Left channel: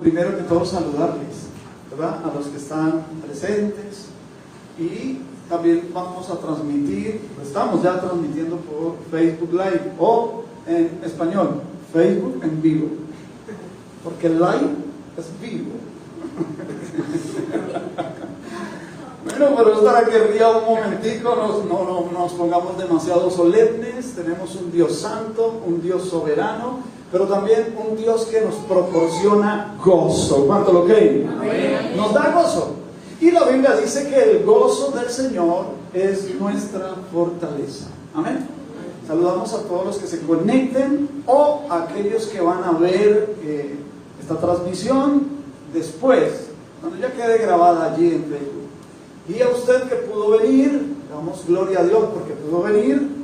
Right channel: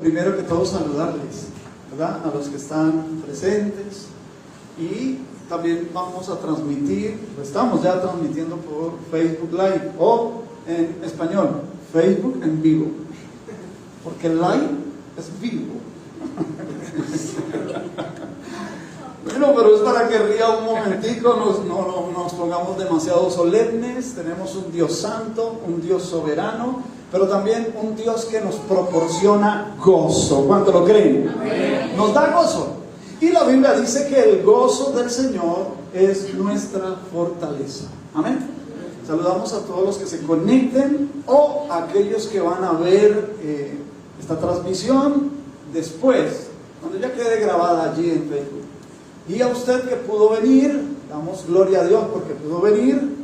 Primero que todo saludarles, ¿verdad? A los que están presentes, y también vamos a transmitir, estamos ya transmitiendo por Facebook Live, o en español, Facebook en vivo, porque el live es vivo. Bueno, pero es para que ría un momentico, no nos pongamos demasiado solemnes. Tenemos un Dios santo, un Dios soberano, pero también un Dios que nos proporciona gozo. ¿Cuánto lo creen? Amén. Nos da gozo. Y la Biblia dice que el gozo del Señor es nuestra fortaleza. Amén. Saludamos a todos los que se conecten o a aquellos que van a ver esta transmisión después, cuando ya quede grabada allí en Facebook. Y a usted que pudo venir, damos gloria a Dios porque pudo venir.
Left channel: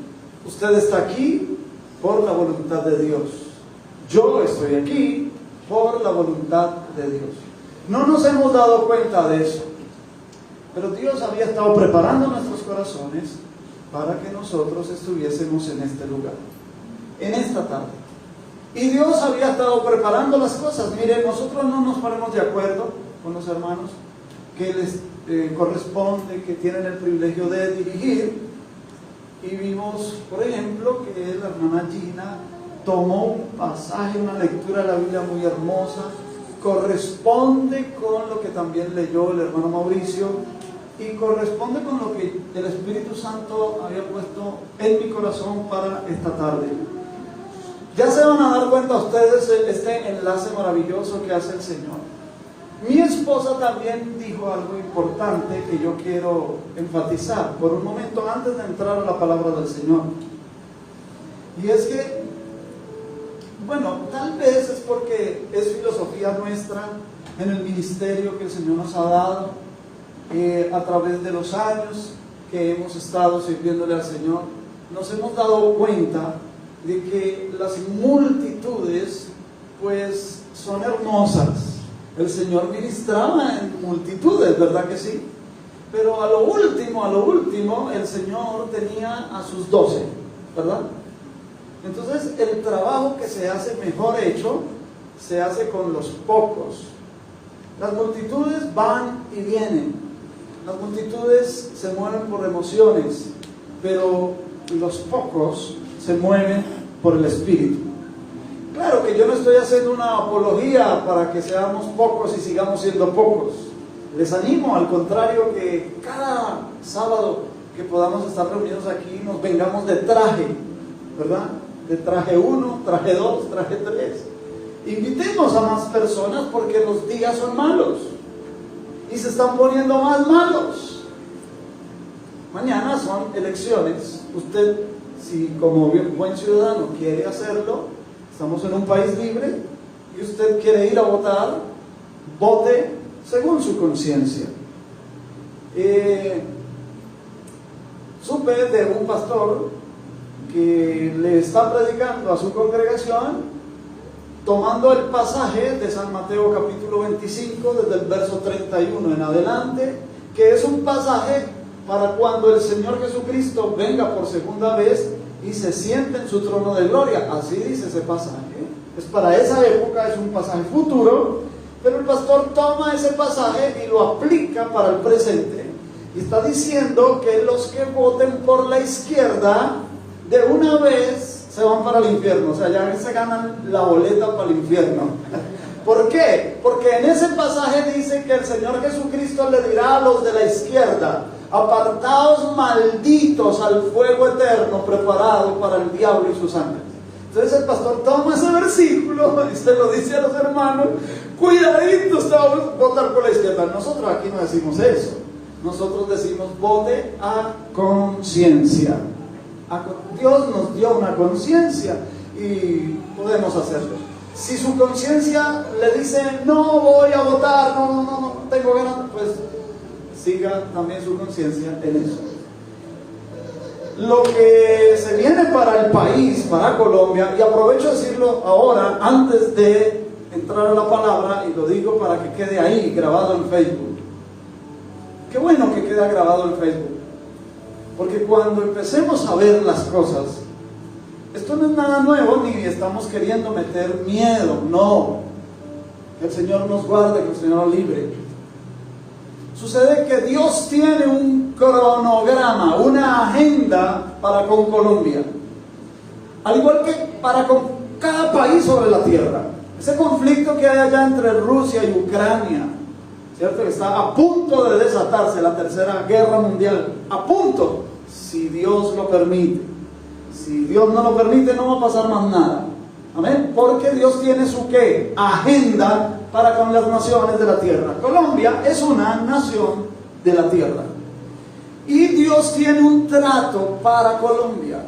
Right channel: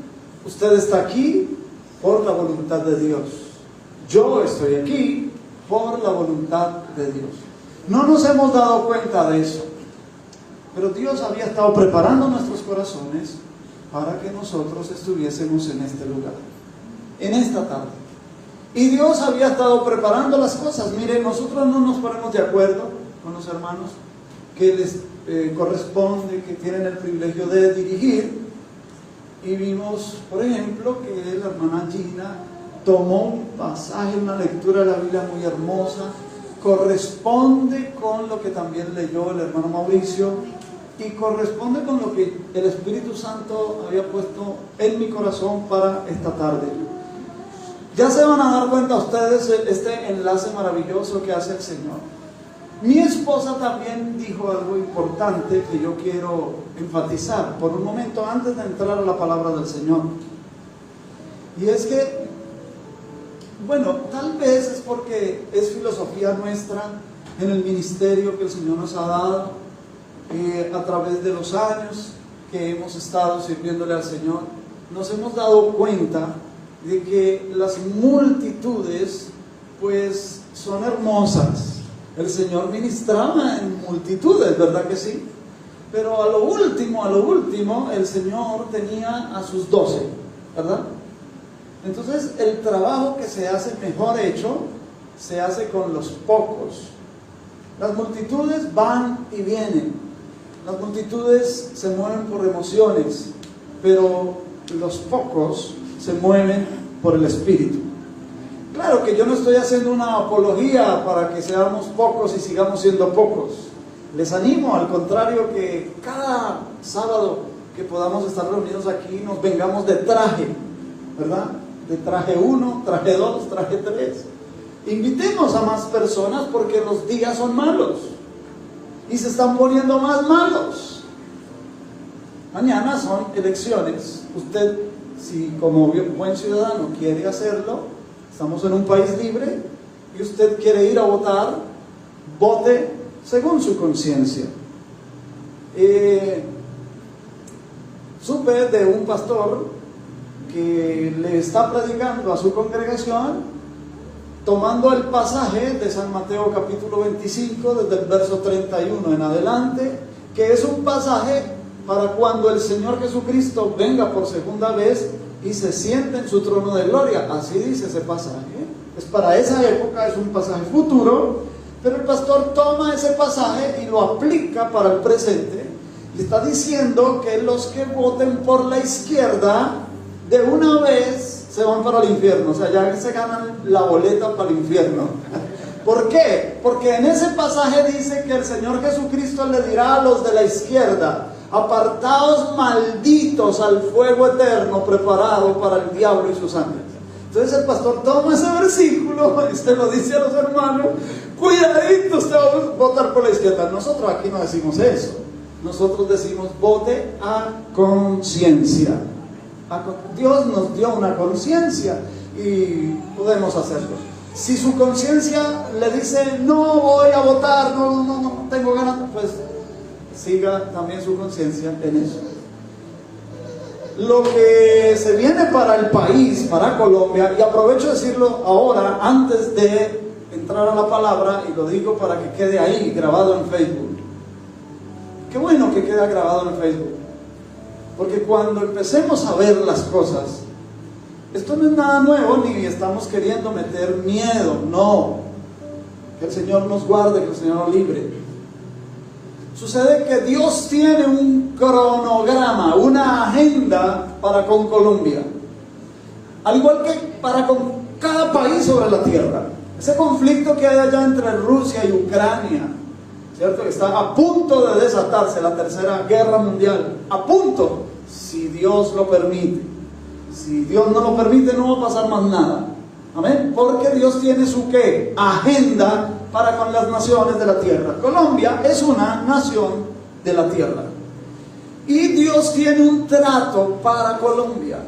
Usted está aquí por la voluntad de Dios. Yo estoy aquí por la voluntad de Dios. No nos hemos dado cuenta de eso, pero Dios había estado preparando nuestros corazones para que nosotros estuviésemos en este lugar, en esta tarde. Y Dios había estado preparando las cosas. Miren, nosotros no nos ponemos de acuerdo con los hermanos que les corresponde, que tienen el privilegio de dirigir. Y vimos, por ejemplo, que la hermana Gina tomó un pasaje, una lectura de la Biblia muy hermosa, corresponde con lo que también leyó el hermano Mauricio y corresponde con lo que el Espíritu Santo había puesto en mi corazón para esta tarde. Ya se van a dar cuenta ustedes este enlace maravilloso que hace el Señor. Mi esposa también dijo algo importante que yo quiero enfatizar por un momento antes de entrar a la palabra del Señor. Y es que, bueno, tal vez es porque es filosofía nuestra en el ministerio que el Señor nos ha dado a través de los años que hemos estado sirviéndole al Señor. Nos hemos dado cuenta de que las multitudes pues son hermosas. El Señor ministraba en multitudes, ¿verdad que sí? Pero a lo último, el Señor tenía a sus 12, ¿verdad? Entonces, el trabajo que se hace mejor hecho, se hace con los pocos. Las multitudes van y vienen. Las multitudes se mueven por emociones, pero los pocos se mueven por el Espíritu. Claro que yo no estoy haciendo una apología para que seamos pocos y sigamos siendo pocos. Les animo, al contrario, que cada sábado que podamos estar reunidos aquí nos vengamos de traje, ¿verdad? De traje 1, traje 2, traje 3. Invitemos a más personas porque los días son malos y se están poniendo más malos. Mañana son elecciones. Usted, si como buen ciudadano quiere hacerlo, estamos en un país libre y usted quiere ir a votar, vote según su conciencia. Supe de un pastor que le está predicando a su congregación tomando el pasaje de San Mateo capítulo 25 desde el verso 31 en adelante, que es un pasaje para cuando el Señor Jesucristo venga por segunda vez y se siente en su trono de gloria. Así dice ese pasaje. Es para esa época, es un pasaje futuro, pero el pastor toma ese pasaje y lo aplica para el presente. Y está diciendo que los que voten por la izquierda, de una vez se van para el infierno. O sea, ya se ganan la boleta para el infierno. ¿Por qué? Porque en ese pasaje dice que el Señor Jesucristo le dirá a los de la izquierda: apartaos malditos al fuego eterno preparado para el diablo y sus ángeles. Entonces el pastor toma ese versículo y se lo dice a los hermanos: cuidadito, usted va a votar por la izquierda. Nosotros aquí no decimos eso. Nosotros decimos: vote a conciencia. Dios nos dio una conciencia y podemos hacerlo. Si su conciencia le dice: no voy a votar, no tengo ganas, pues siga también su conciencia en eso. Lo que se viene para el país, para Colombia, y aprovecho de decirlo ahora antes de entrar a la palabra, y lo digo para que quede ahí grabado en Facebook. Qué bueno que queda grabado en Facebook, porque cuando empecemos a ver las cosas, esto no es nada nuevo, ni estamos queriendo meter miedo, no. Que el Señor nos guarde, que el Señor nos libre. Sucede que Dios tiene un cronograma, una agenda para con Colombia. Al igual que para con cada país sobre la tierra. Ese conflicto que hay allá entre Rusia y Ucrania, ¿cierto? Está a punto de desatarse la tercera guerra mundial. A punto, si Dios lo permite. Si Dios no lo permite, no va a pasar más nada. Amén. Porque Dios tiene su ¿qué? Agenda para con las naciones de la tierra. Colombia es una nación de la tierra. Y Dios tiene un trato para Colombia.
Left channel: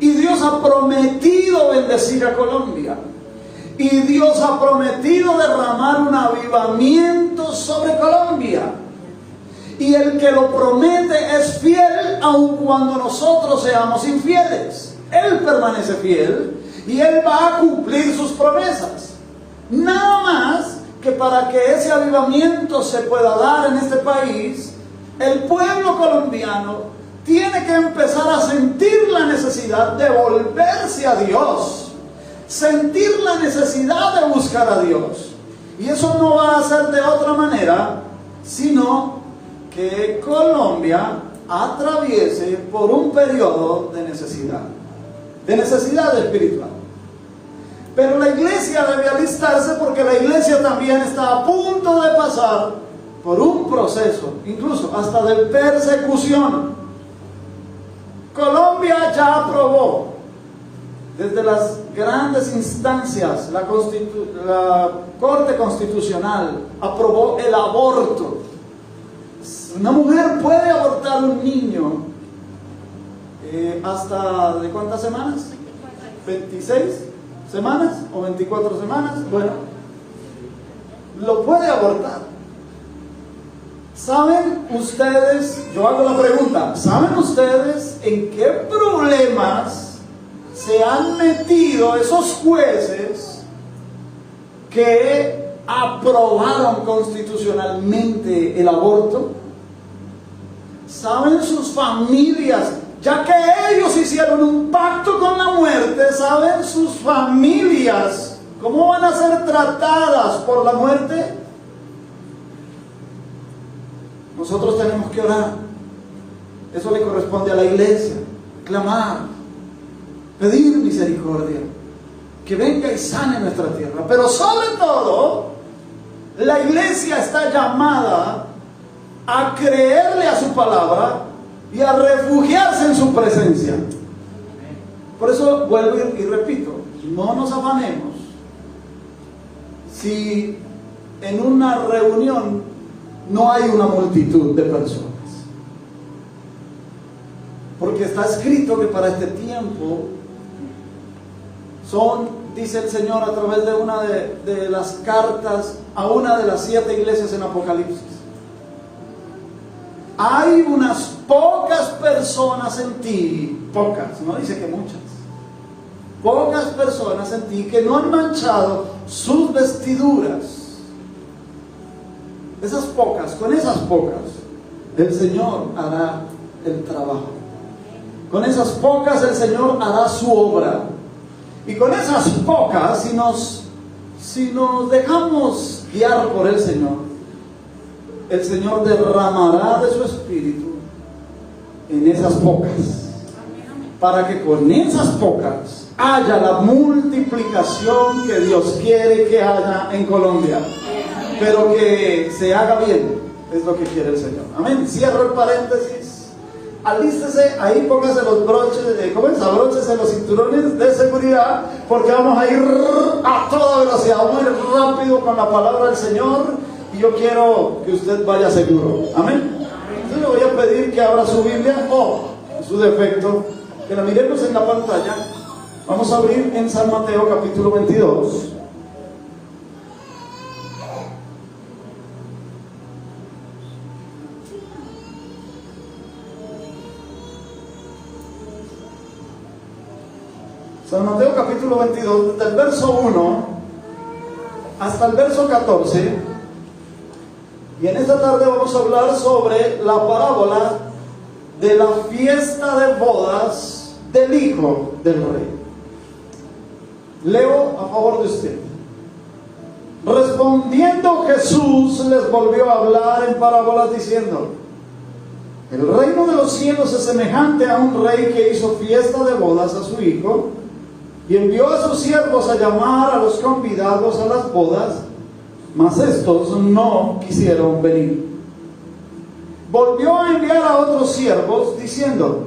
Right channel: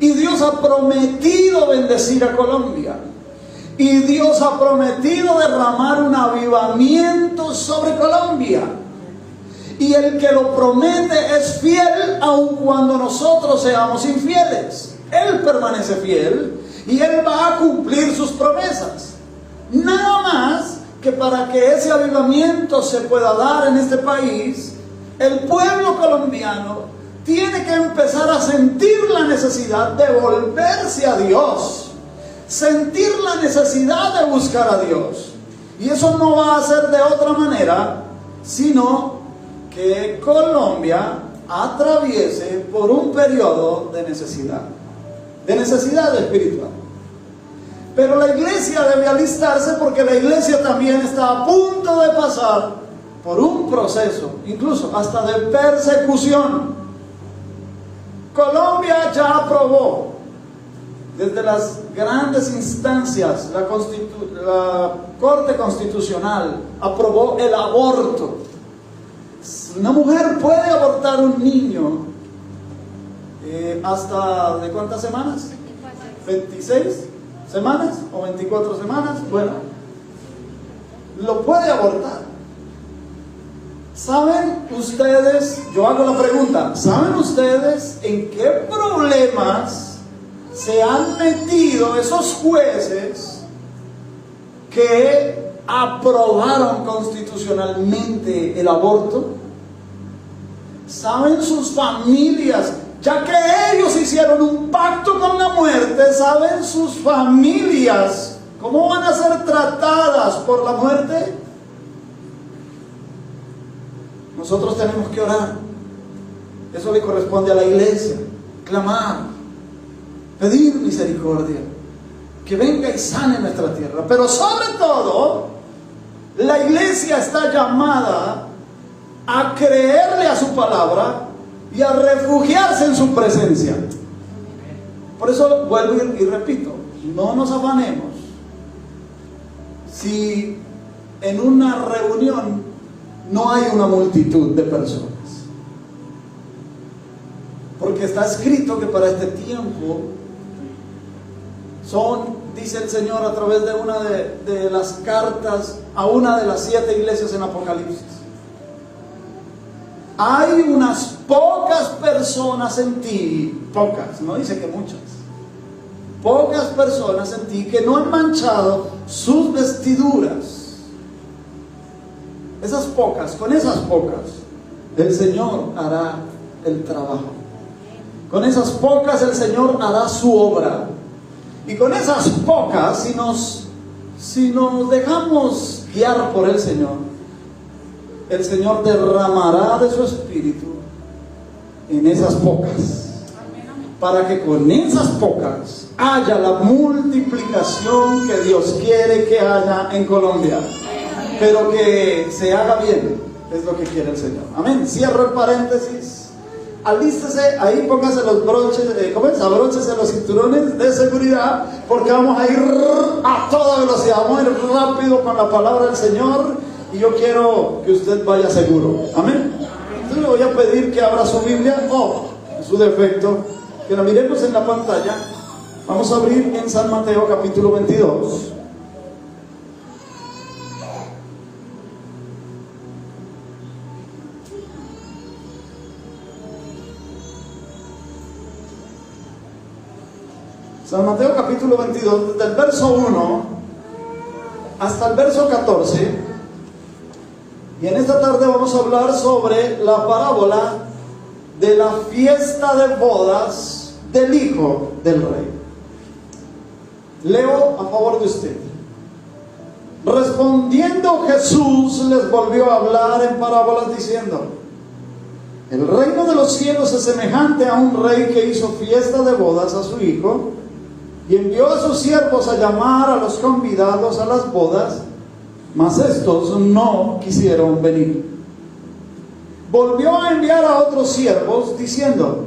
Y Dios ha prometido bendecir a Colombia. Y Dios ha prometido derramar un avivamiento sobre Colombia. Y el que lo promete es fiel aun cuando nosotros seamos infieles. Él permanece fiel y Él va a cumplir sus promesas. Nada más que para que ese avivamiento se pueda dar en este país, el pueblo colombiano tiene que empezar a sentir la necesidad de volverse a Dios, sentir la necesidad de buscar a Dios. Y eso no va a ser de otra manera, sino que Colombia atraviese por un periodo de necesidad espiritual. Pero la iglesia debe alistarse porque la iglesia también está a punto de pasar por un proceso, incluso hasta de persecución. Colombia ya aprobó desde las grandes instancias, la Corte Constitucional aprobó el aborto. Una mujer puede abortar un niño hasta ¿de cuántas semanas? 26 semanas o 24 semanas. Bueno, lo puede abortar. ¿Saben ustedes, yo hago la pregunta, ¿saben ustedes en qué problemas se han metido esos jueces que aprobaron constitucionalmente el aborto? ¿Saben sus familias? Ya que ellos hicieron un pacto con la muerte, ¿saben sus familias cómo van a ser tratadas por la muerte? Nosotros tenemos que orar. Eso le corresponde a la iglesia. Clamar, pedir misericordia, que venga y sane nuestra tierra. Pero sobre todo, la iglesia está llamada a creerle a su palabra y a refugiarse en su presencia. Por eso vuelvo y repito, no nos afanemos si en una reunión no hay una multitud de personas, porque está escrito que para este tiempo dice el Señor a través de una de las cartas a una de las 7 iglesias en Apocalipsis, hay unas pocas personas en ti, pocas, no dice que muchas, pocas personas en ti que no han manchado sus vestiduras. Esas pocas, con esas pocas, el Señor hará el trabajo. Con esas pocas el Señor hará su obra. Y con esas pocas, si nos dejamos guiar por el Señor derramará de su espíritu en esas pocas, para que con esas pocas haya la multiplicación que Dios quiere que haya en Colombia, pero que se haga bien, es lo que quiere el Señor. Amén. Cierro el paréntesis. Alístese, ahí póngase los broches, abróchese los cinturones de seguridad, porque vamos a ir a toda velocidad, vamos a ir rápido con la palabra del Señor. Y yo quiero que usted vaya seguro. Amén. Entonces le voy a pedir que abra su Biblia, o en su defecto, que la miremos en la pantalla. Vamos a abrir en San Mateo capítulo 22. San Mateo capítulo 22, desde el verso 1 hasta el verso 14. Y en esta tarde vamos a hablar sobre la parábola de la fiesta de bodas del Hijo del Rey. Leo a favor de usted. Respondiendo Jesús les volvió a hablar en parábolas diciendo: el reino de los cielos es semejante a un rey que hizo fiesta de bodas a su hijo y envió a sus siervos a llamar a los convidados a las bodas, mas estos no quisieron venir. Volvió a enviar a otros siervos diciendo:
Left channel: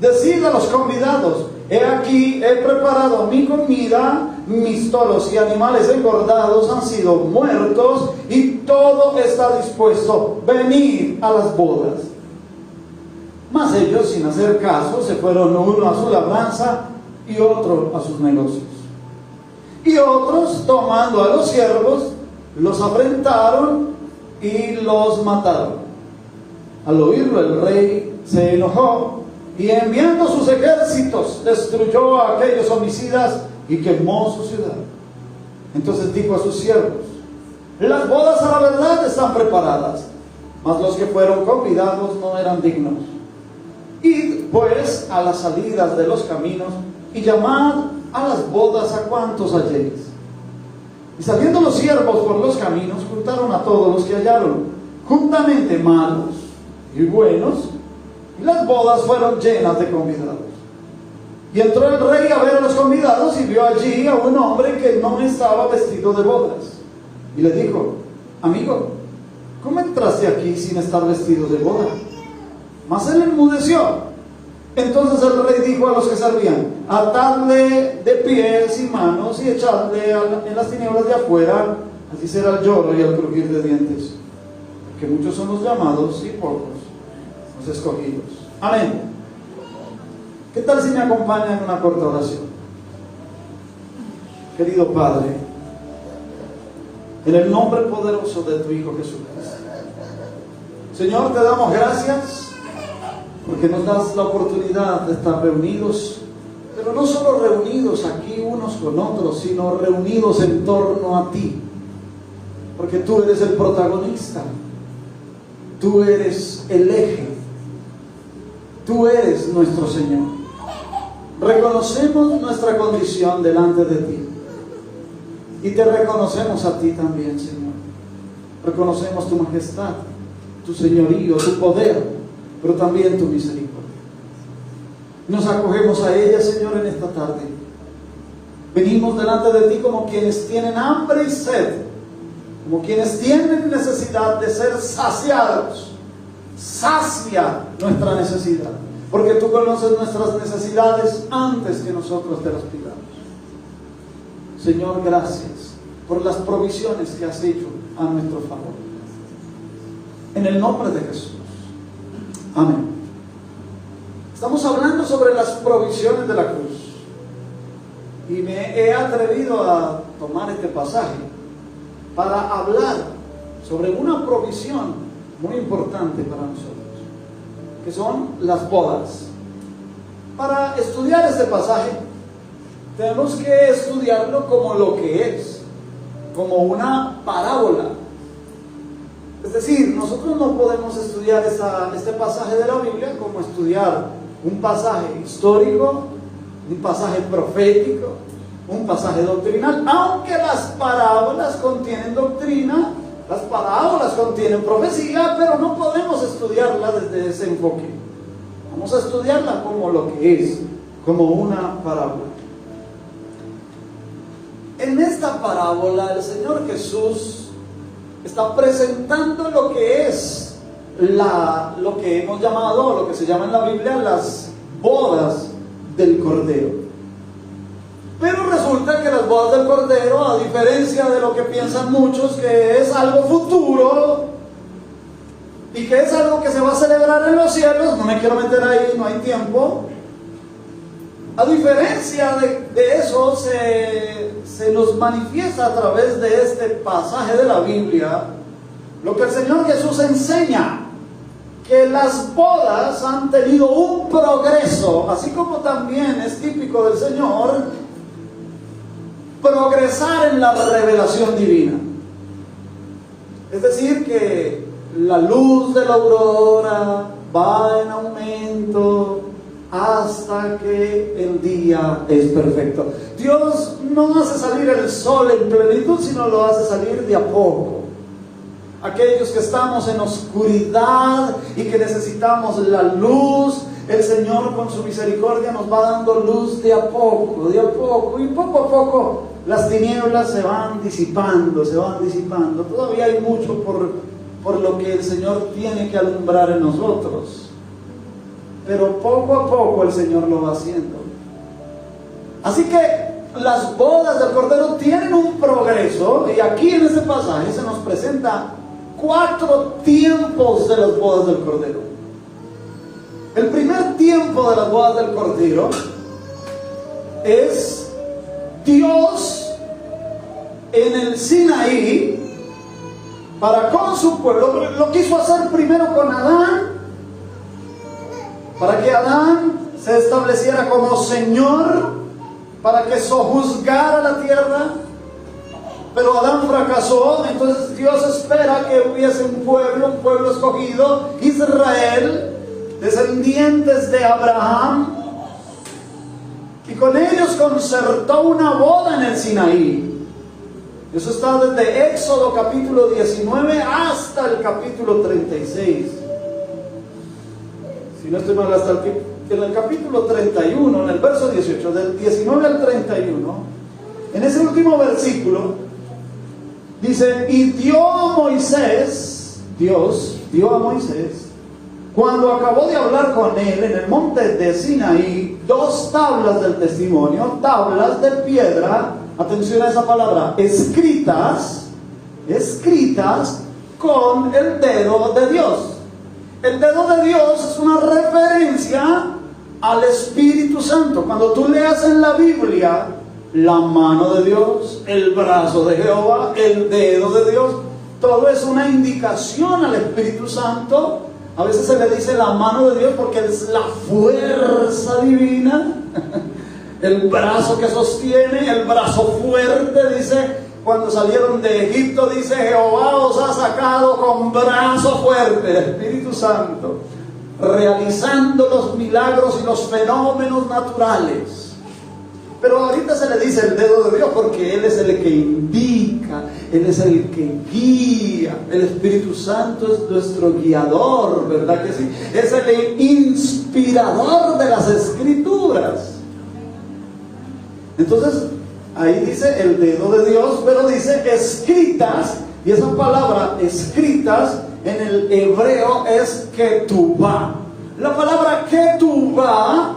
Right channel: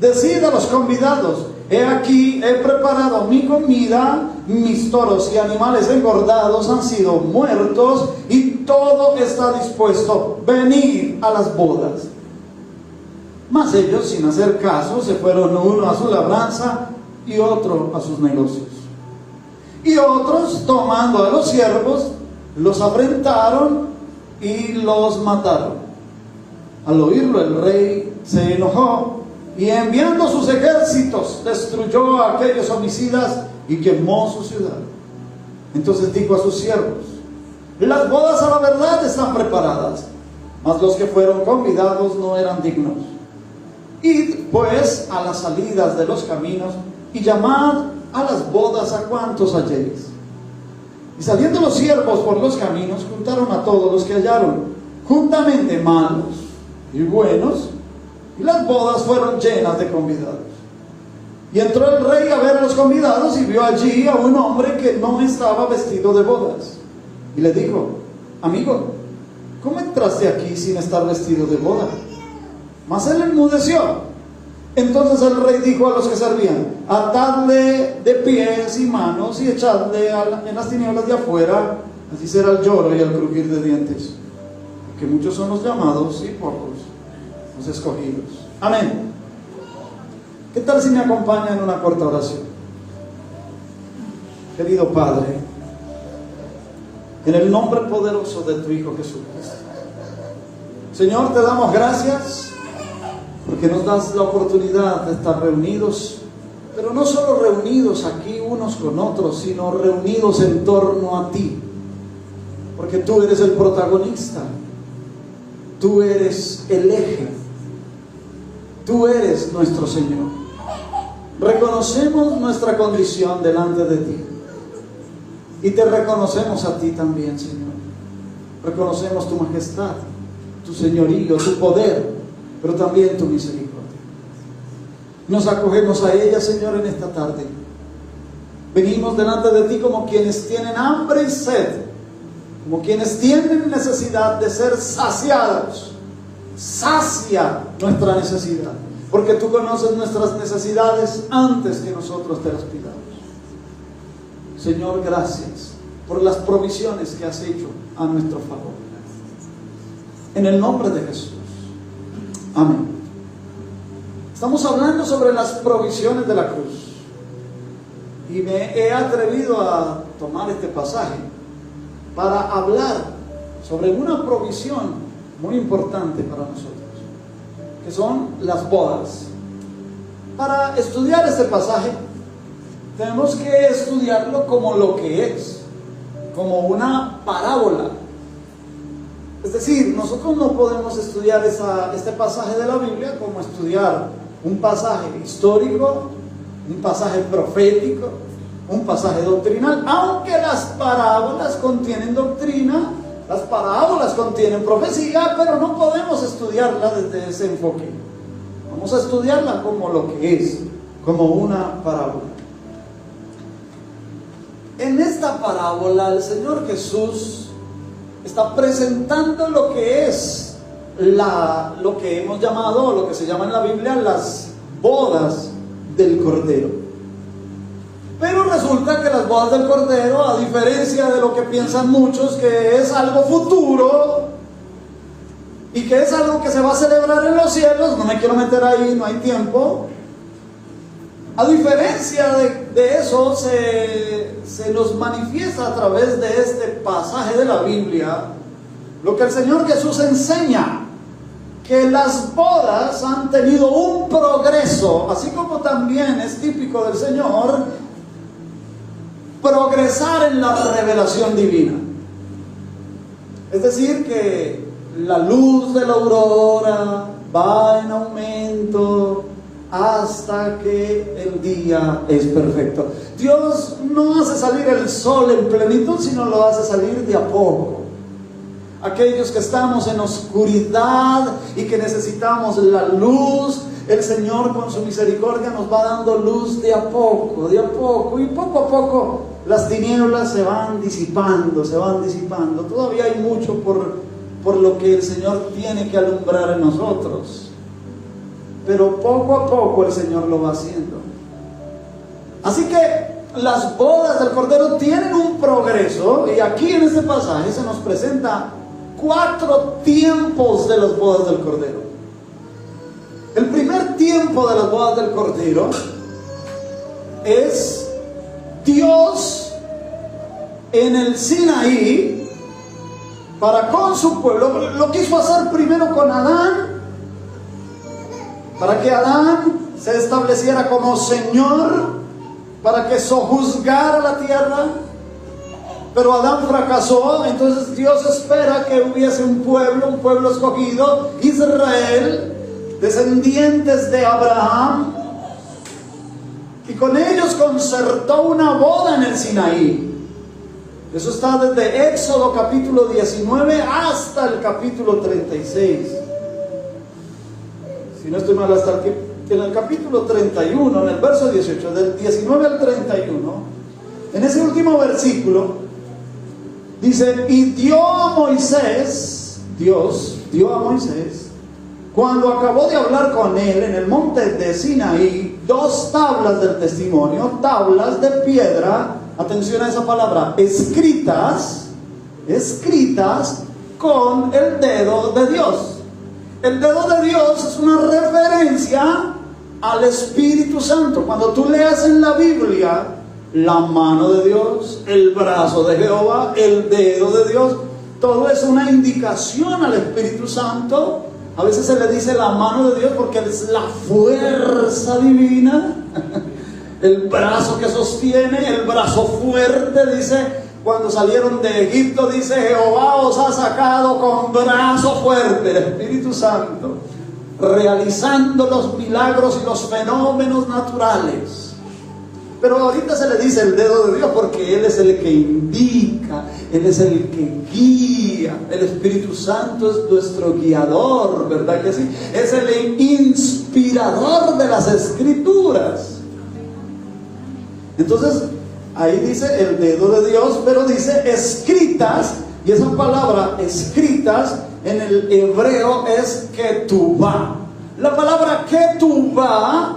decid a los convidados: he aquí, he preparado mi comida, mis toros y animales engordados han sido muertos y todo está dispuesto, venid a las bodas. Mas ellos, sin hacer caso, se fueron uno a su labranza y otro a sus negocios. Y otros, tomando a los siervos, los afrentaron y los mataron. Al oírlo el rey se enojó y enviando sus ejércitos destruyó a aquellos homicidas y quemó su ciudad. Entonces dijo a sus siervos: las bodas a la verdad están preparadas, mas los que fueron convidados no eran dignos. Id pues a las salidas de los caminos y llamad a las bodas a cuantos halléis. Y saliendo los siervos por los caminos, juntaron a todos los que hallaron, juntamente malos y buenos, y las bodas fueron llenas de convidados. Y entró el rey a ver a los convidados y vio allí a un hombre que no estaba vestido de bodas. Y le dijo: amigo, ¿cómo entraste aquí sin estar vestido de boda? Mas él enmudeció. Entonces el rey dijo a los que servían: atadle de pies y manos y echadle en las tinieblas de afuera, así será el lloro y el crujir de dientes. Que muchos somos llamados y pocos los escogidos. Amén. ¿Qué tal si me acompañan en una corta oración? Querido Padre, en el nombre poderoso de tu Hijo Jesucristo, Señor, te damos gracias porque nos das la oportunidad de estar reunidos, pero no solo reunidos aquí unos con otros, sino reunidos en torno a ti, porque tú eres el protagonista, tú eres el eje, tú eres nuestro Señor. Reconocemos nuestra condición delante de ti y te reconocemos a ti también, Señor. Reconocemos tu majestad, tu señorío, tu poder, pero también tu misericordia. Nos acogemos a ella, Señor, en esta tarde. Venimos delante de ti como quienes tienen hambre y sed, como quienes tienen necesidad de ser saciados. Sacia nuestra necesidad, porque tú conoces nuestras necesidades antes que nosotros te las pidamos. Señor, gracias por las provisiones que has hecho a nuestro favor. En el nombre de Jesús. Amén. Estamos hablando sobre las provisiones de la cruz. Y me he atrevido a tomar este pasaje para hablar sobre una provisión muy importante para nosotros, que son las bodas. Para estudiar este pasaje, tenemos que estudiarlo como lo que es, como una parábola. Es decir, nosotros no podemos estudiar este pasaje de la Biblia como estudiar un pasaje histórico, un pasaje profético, un pasaje doctrinal, aunque las parábolas contienen doctrina, las parábolas contienen profecía, pero no podemos estudiarla desde ese enfoque. Vamos a estudiarla como lo que es, como una parábola. En esta parábola el Señor Jesús está presentando lo que es lo que hemos llamado, lo que se llama en la Biblia, las bodas del Cordero. Pero resulta que las bodas del Cordero, a diferencia de lo que piensan muchos, que es algo futuro y que es algo que se va a celebrar en los cielos, no me quiero meter ahí, no hay tiempo. A diferencia de eso, se nos manifiesta a través de este pasaje de la Biblia lo que el Señor Jesús enseña, que las bodas han tenido un progreso, así como también es típico del Señor progresar en la revelación divina. Es decir, que la luz de la aurora va en aumento hasta hasta que el día es perfecto. Dios no hace salir el sol en plenitud, sino lo hace salir de a poco. Aquellos que estamos en oscuridad y que necesitamos la luz, el Señor con su misericordia nos va dando luz de a poco, y poco a poco las tinieblas se van disipando. Todavía hay mucho por lo que el Señor tiene que alumbrar en nosotros, pero poco a poco el Señor lo va haciendo. Así que las bodas del Cordero tienen un progreso, y aquí en este pasaje se nos presenta 4 tiempos de las bodas del Cordero. El primer tiempo de las bodas del Cordero es Dios en el Sinaí para con su pueblo. Lo quiso hacer primero con Adán, para que Adán se estableciera como Señor, para que sojuzgara la tierra. Pero Adán fracasó, entonces Dios espera que hubiese un pueblo escogido, Israel, descendientes de Abraham, y con ellos concertó una boda en el Sinaí. Eso está desde Éxodo capítulo 19 hasta el capítulo 36. Si no estoy mal, hasta en el capítulo 31, en el verso 18, del 19 al 31, en ese último versículo, dice: y dio a Moisés, Dios dio a Moisés, cuando acabó de hablar con él en el monte de Sinaí, 2 tablas del testimonio, tablas de piedra, atención a esa palabra, escritas con el dedo de Dios. El dedo de Dios es una referencia al Espíritu Santo. Cuando tú leas en la Biblia la mano de Dios, el brazo de Jehová, el dedo de Dios, todo es una indicación al Espíritu Santo. A veces se le dice la mano de Dios porque es la fuerza divina, el brazo que sostiene, el brazo fuerte. Dice, cuando salieron de Egipto, dice: Jehová os ha sacado con brazo fuerte. El Espíritu Santo realizando los milagros y los fenómenos naturales. Pero ahorita se le dice el dedo de Dios porque Él es el que indica, Él es el que guía. El Espíritu Santo es nuestro guiador, ¿verdad que sí? Es el inspirador de las Escrituras. Entonces, ahí dice el dedo de Dios, pero dice escritas, y esa palabra escritas en el hebreo es ketubá. La palabra ketubá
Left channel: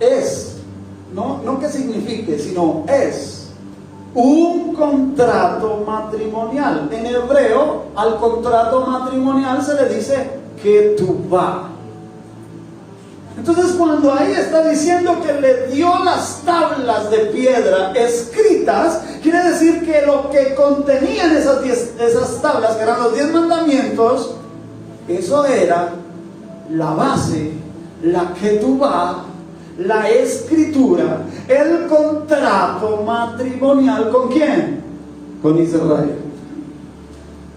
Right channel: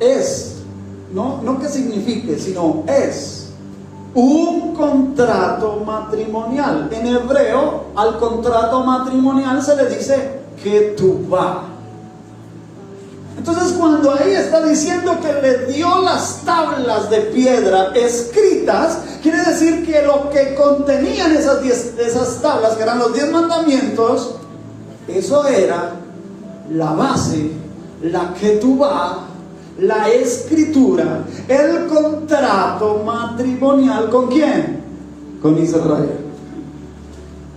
es, no que signifique, sino es un contrato matrimonial. En hebreo, al contrato matrimonial se le dice ketubá. Entonces, cuando ahí está diciendo que le dio las tablas de piedra escritas, quiere decir que lo que contenían esas tablas, que eran los 10 mandamientos, eso era la base, la ketubá, la escritura, el contrato matrimonial. ¿Con quién? Con Israel.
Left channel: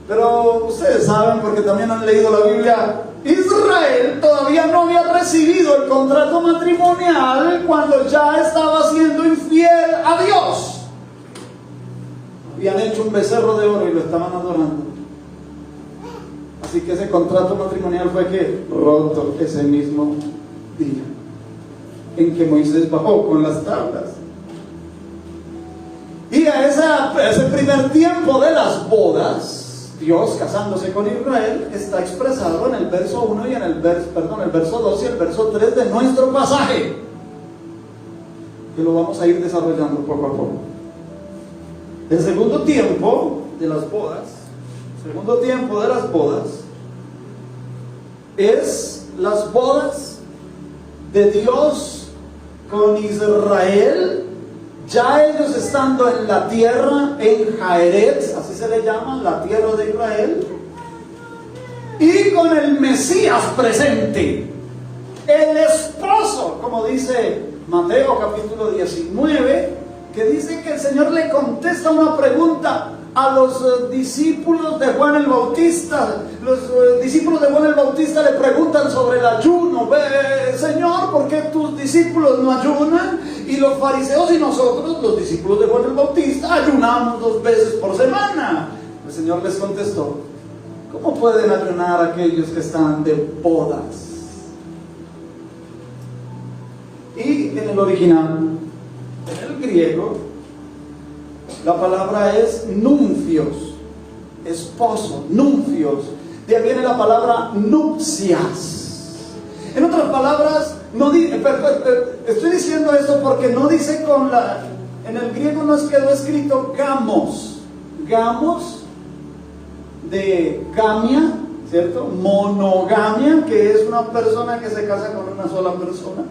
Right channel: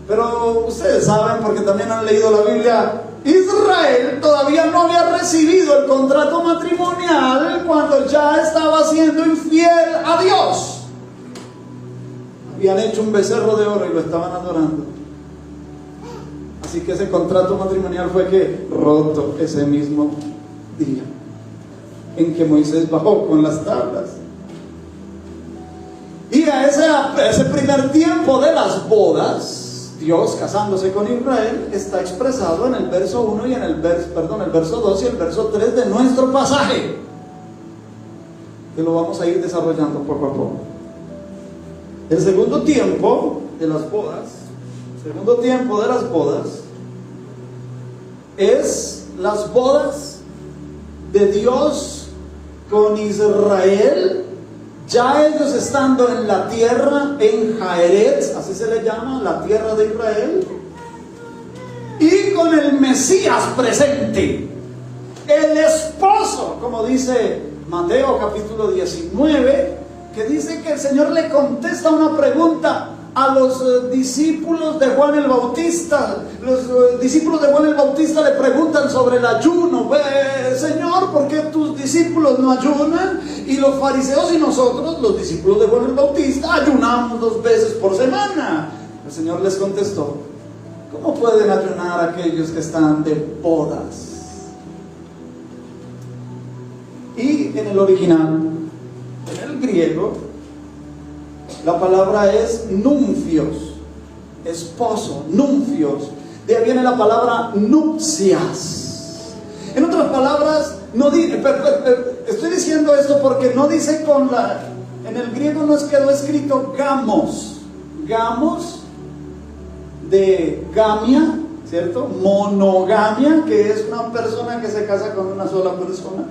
Pero ustedes saben, porque también han leído la Biblia, Israel todavía no había recibido el contrato matrimonial cuando ya estaba siendo infiel a Dios. Habían hecho un becerro de oro y lo estaban adorando. Así que ese contrato matrimonial fue roto ese mismo día en que Moisés bajó con las tablas. Y a ese primer tiempo de las bodas, Dios casándose con Israel, está expresado en el verso 1 y en el verso 2 y el verso 3 de nuestro pasaje, que lo vamos a ir desarrollando poco a poco. El segundo tiempo de las bodas, es las bodas de Dios con Israel, ya ellos estando en la tierra, en Jaeret, así se le llama, la tierra de Israel, y con el Mesías presente, el esposo, como dice Mateo capítulo 19, que dice que el Señor le contesta una pregunta a los discípulos de Juan el Bautista. Los discípulos de Juan el Bautista le preguntan sobre el ayuno. Señor, ¿por qué tus discípulos no ayunan? Y los fariseos y nosotros, los discípulos de Juan el Bautista, ayunamos 2 veces por semana. El Señor les contestó: ¿cómo pueden ayunar aquellos que están de bodas? Y en el original, en el griego, la palabra es nunfios, esposo, nunfios. De ahí viene la palabra nupcias. En otras palabras, no estoy diciendo esto porque no dice en el griego no quedó escrito gamos. Gamos de gamia, ¿cierto? Monogamia, que es una persona que se casa con una sola persona.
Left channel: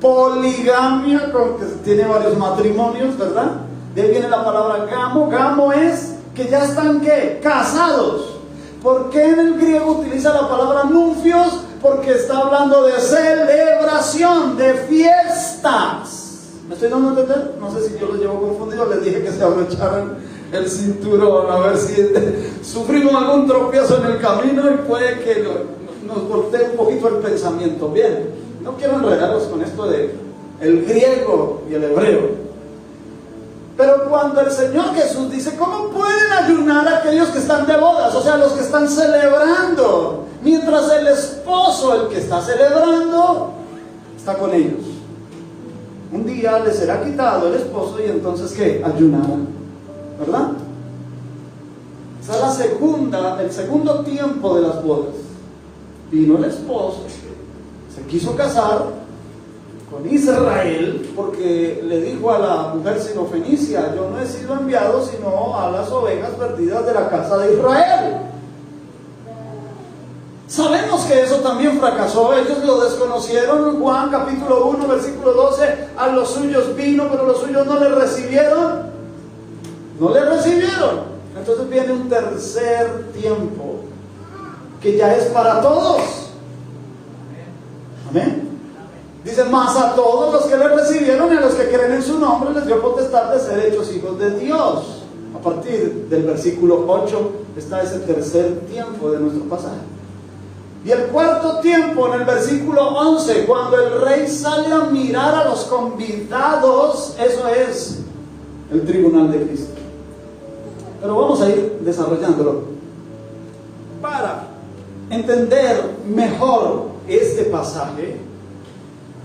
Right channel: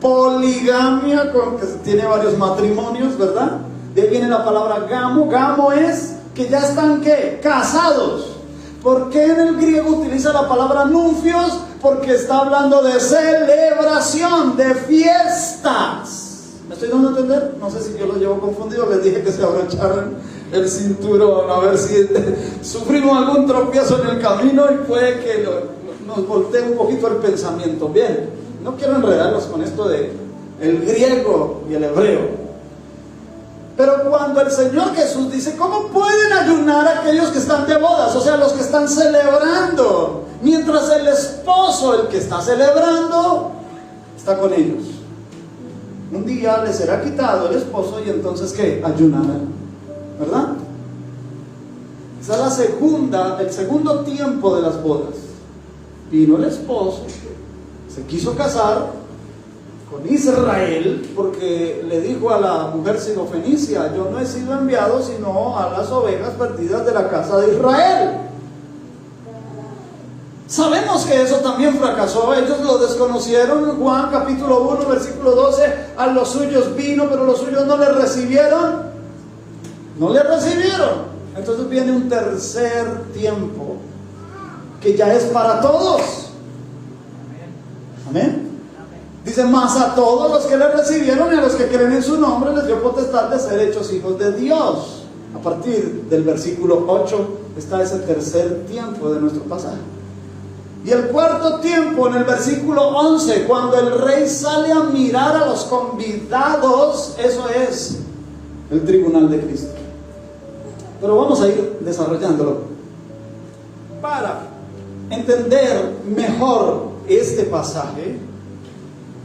Poligamia, que tiene varios matrimonios, ¿verdad? De ahí viene la palabra gamo. Gamo es que ya están, ¿qué? Casados. ¿Por qué en el griego utiliza la palabra nunfios? Porque está hablando de celebración, de fiestas. ¿Me estoy dando a entender? No sé si yo lo llevo confundido. Les dije que se abrocharan el cinturón, a ver si sufrimos algún tropiezo en el camino y puede que nos voltee un poquito el pensamiento. Bien, no quiero enredarlos con esto de el griego y el hebreo. Pero cuando el Señor Jesús dice: ¿cómo pueden ayunar aquellos que están de bodas? O sea, los que están celebrando, mientras el esposo, el que está celebrando, está con ellos. Un día les será quitado el esposo y entonces ¿qué? Ayunarán, ¿verdad? Esa es el segundo tiempo de las bodas. Vino el esposo, se quiso casar con Israel, porque le dijo a la mujer sirofenicia: yo no he sido enviado sino a las ovejas perdidas de la casa de Israel. Sabemos que eso también fracasó. Ellos lo desconocieron. Juan capítulo 1 versículo 12: a los suyos vino, pero los suyos no le recibieron. No le recibieron. Entonces viene un tercer tiempo que ya es para todos. Amén. Dice: más a todos los que le recibieron y a los que creen en su nombre les dio potestad de ser hechos hijos de Dios. A partir del versículo 8 está ese tercer tiempo de nuestro pasaje. Y el cuarto tiempo en el versículo 11, cuando el rey sale a mirar a los convidados, eso es el tribunal de Cristo. Pero vamos a ir desarrollándolo para entender mejor este pasaje.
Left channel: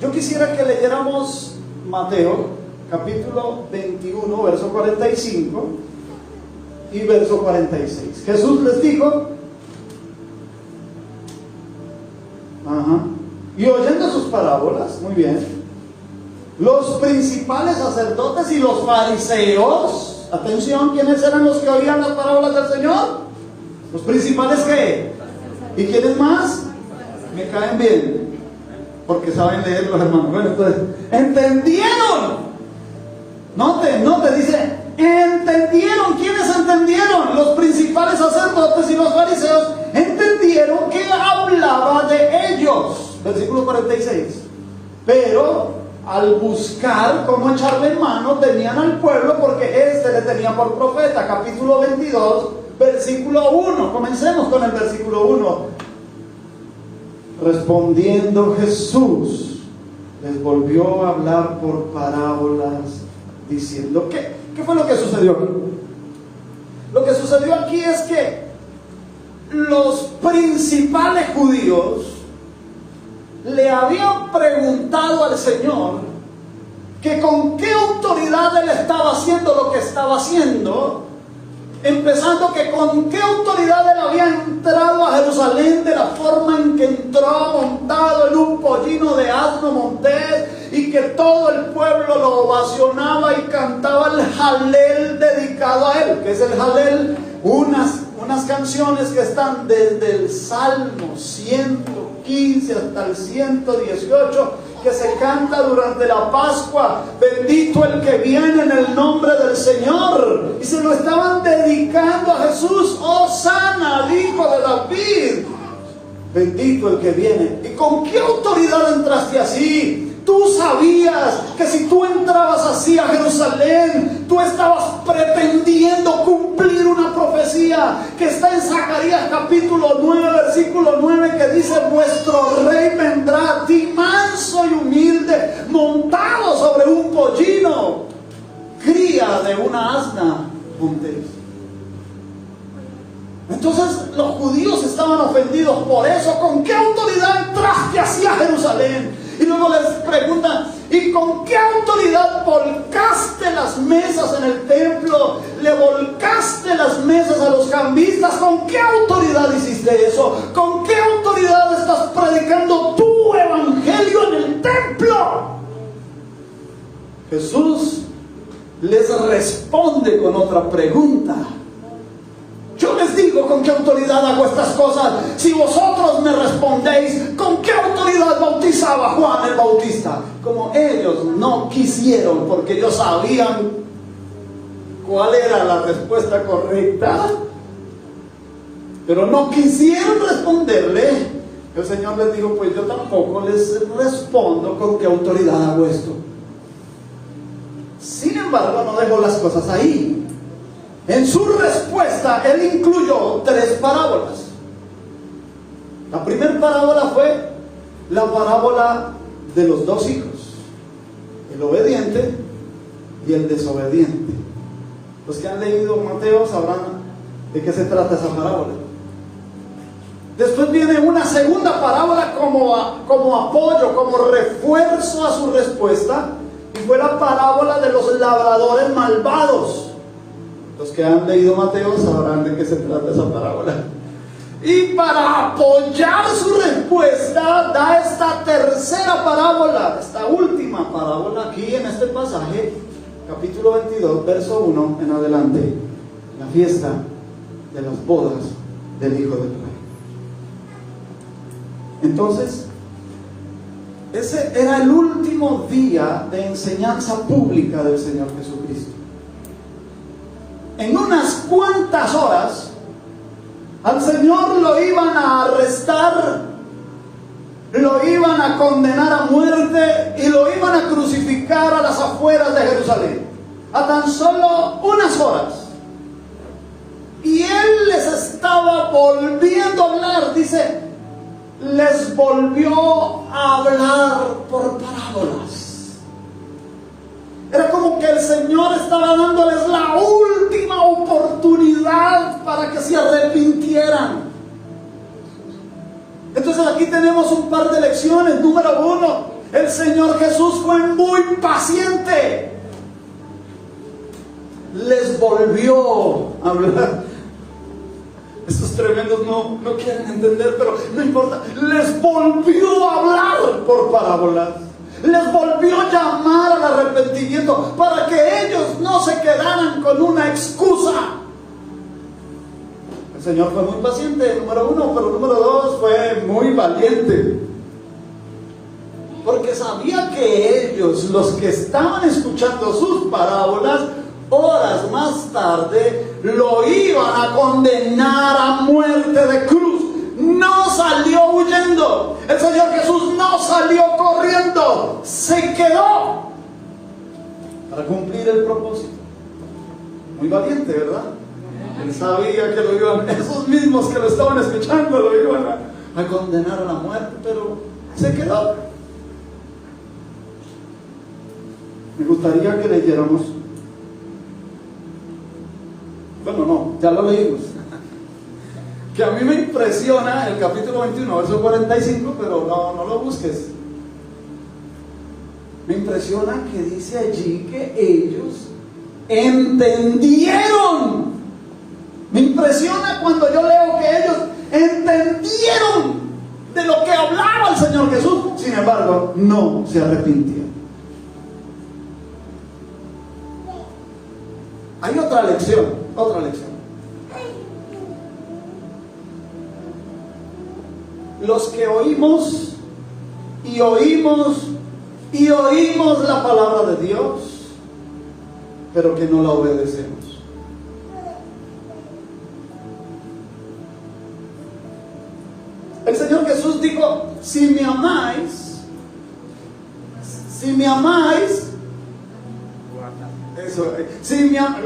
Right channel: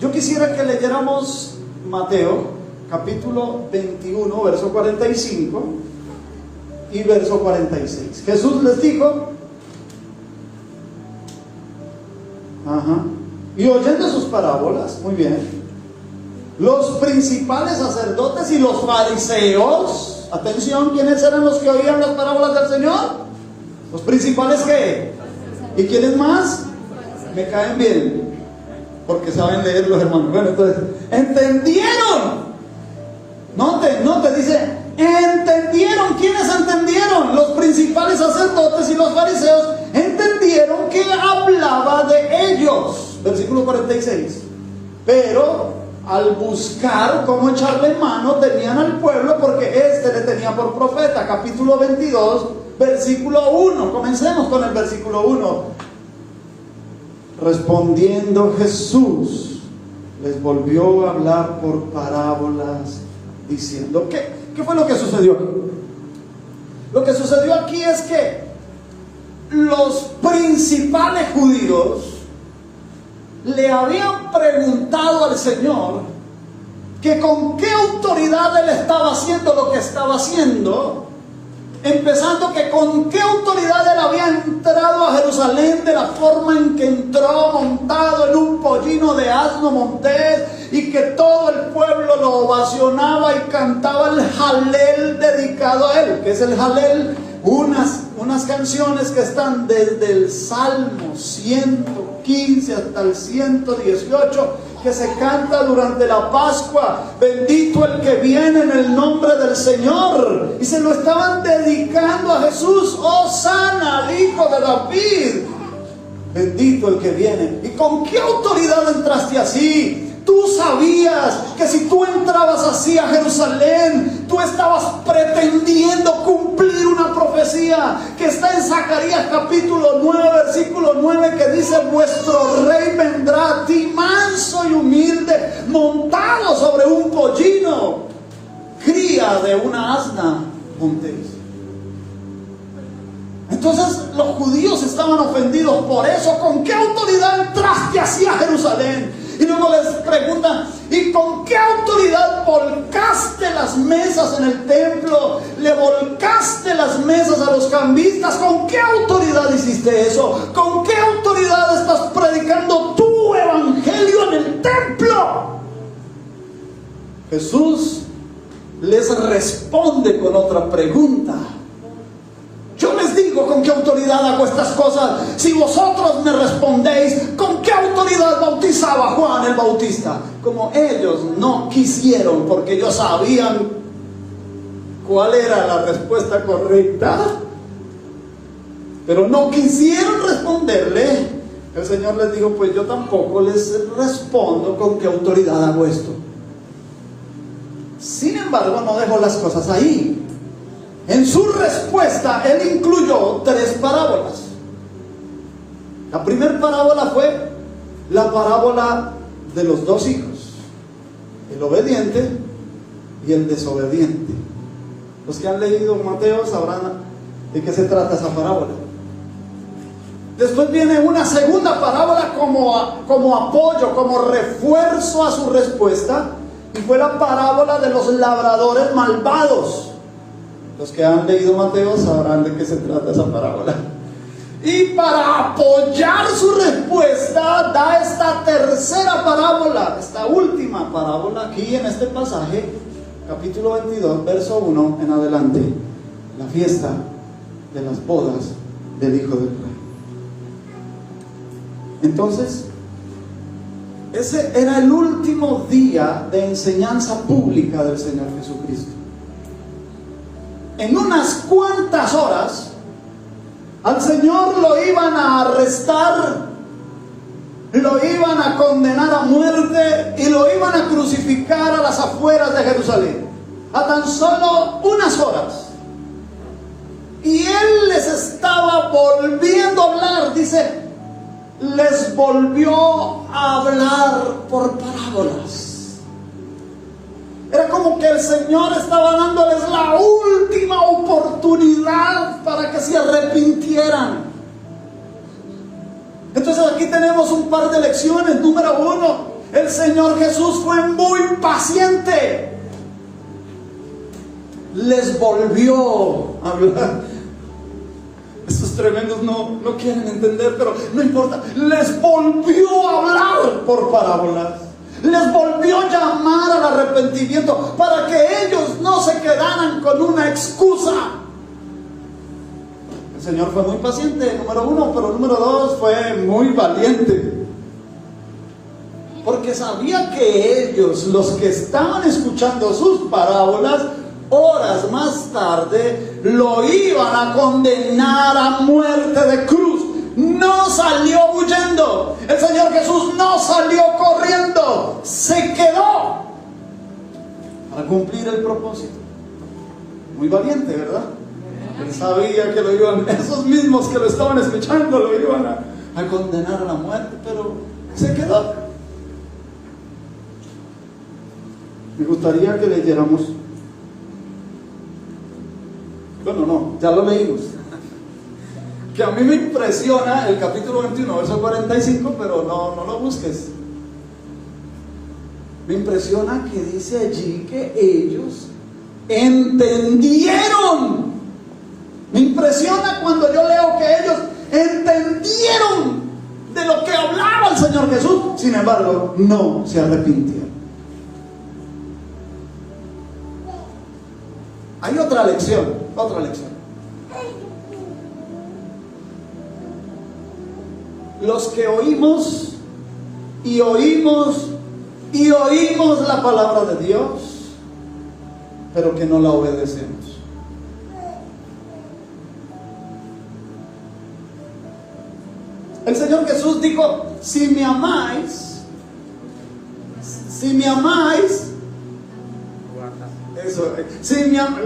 Yo quisiera que leyéramos Mateo capítulo 21 verso 45 y verso 46. Jesús les dijo: y oyendo sus parábolas, muy bien, los principales sacerdotes y los fariseos, atención, ¿quiénes eran los que oían las parábolas del Señor? Los principales, ¿qué? ¿Y quiénes más? Me caen bien, porque saben leer los hermanos. Bueno, entonces, ¿entendieron? Note, dice, ¿entendieron? ¿Quiénes entendieron? Los principales sacerdotes y los fariseos entendieron que hablaba de ellos. Versículo 46. Pero al buscar cómo echarle mano, tenían al pueblo, porque este le tenía por profeta. Capítulo 22, versículo 1. Comencemos con el versículo 1. Respondiendo Jesús, les volvió a hablar por parábolas, diciendo: ¿Qué fue lo que sucedió aquí? Lo que sucedió aquí es que los principales judíos le habían preguntado al Señor que con qué autoridad Él estaba haciendo lo que estaba haciendo, empezando que con qué autoridad Él había entrado a Jerusalén, de la forma en que entró montado en un pollino de asno montés, y que todo el pueblo lo ovacionaba y cantaba el Jalel dedicado a Él. ¿Qué es el Jalel? Unas canciones que están desde el Salmo 115 hasta el 118, que se canta durante la Pascua. Bendito el que viene en el nombre del Señor. Y se lo estaban dedicando a Jesús. Hosana al Hijo de David. Bendito el que viene. ¿Y con qué autoridad entraste así? Tú sabías que si tú entrabas así a Jerusalén, tú estabas pretendiendo cumplir una vuestro rey vendrá a ti manso y humilde, montado sobre un pollino, cría de una asna montés. Entonces los judíos estaban ofendidos por eso. ¿Con qué autoridad entraste hacia Jerusalén? Y luego les preguntan, ¿y con qué autoridad volcaste las mesas en el templo? ¿Le volcaste las mesas a los cambistas? ¿Con qué autoridad hiciste eso? ¿Con qué autoridad estás predicando tu evangelio en el templo? Jesús les responde con otra pregunta. Yo les digo con qué autoridad hago estas cosas. Si vosotros me respondéis, ¿con qué autoridad bautizaba Juan el Bautista? Como ellos no quisieron, porque ellos sabían cuál era la respuesta correcta, pero no quisieron responderle, el Señor les dijo, pues yo tampoco les respondo con qué autoridad hago esto. Sin embargo, no dejó las cosas ahí. En su respuesta, Él incluyó 3 parábolas. La primera parábola fue la parábola de los 2 hijos, el obediente y el desobediente. Los que han leído Mateo sabrán de qué se trata esa parábola. Después viene una segunda parábola como apoyo, como refuerzo a su respuesta, y fue la parábola de los labradores malvados. Los que han leído Mateo sabrán de qué se trata esa parábola. Y para apoyar su respuesta, da esta tercera parábola, esta última parábola aquí en este pasaje, capítulo 22, verso 1 en adelante, la fiesta de las bodas del Hijo del Rey. Entonces, ese era el último día de enseñanza pública del Señor Jesucristo. En unas cuantas horas, al Señor lo iban a arrestar, lo iban a condenar a muerte y lo iban a crucificar a las afueras de Jerusalén, a tan solo unas horas. Y Él les estaba volviendo a hablar, dice, les volvió a hablar por parábolas. Era como que el Señor estaba dándoles la última oportunidad para que se arrepintieran. Entonces aquí tenemos un par de lecciones. Número 1, el Señor Jesús fue muy paciente. Les volvió a hablar. Estos tremendos no quieren entender, pero no importa. Les volvió a hablar por parábolas. Les volvió a llamar al arrepentimiento para que ellos no se quedaran con una excusa. El Señor fue muy paciente, número 1, pero número 2, fue muy valiente. Porque sabía que ellos, los que estaban escuchando sus parábolas, horas más tarde lo iban a condenar a muerte de cruz. No salió huyendo. El Señor Jesús no salió corriendo. Se quedó para cumplir el propósito. Muy valiente, ¿verdad? Él sabía que lo iban, esos mismos que lo estaban escuchando, lo iban a condenar a la muerte, pero se quedó. Me gustaría que leyéramos. Bueno, no, ya lo leímos. Que a mí me impresiona el capítulo 21, verso 45, pero no lo busques. Me impresiona que dice allí que ellos entendieron. Me impresiona cuando yo leo que ellos entendieron de lo que hablaba el Señor Jesús. Sin embargo, no se arrepintieron. Hay otra lección. Los que oímos y oímos y oímos la palabra de Dios, pero que no la obedecemos. El Señor Jesús dijo, si me amáis, eso,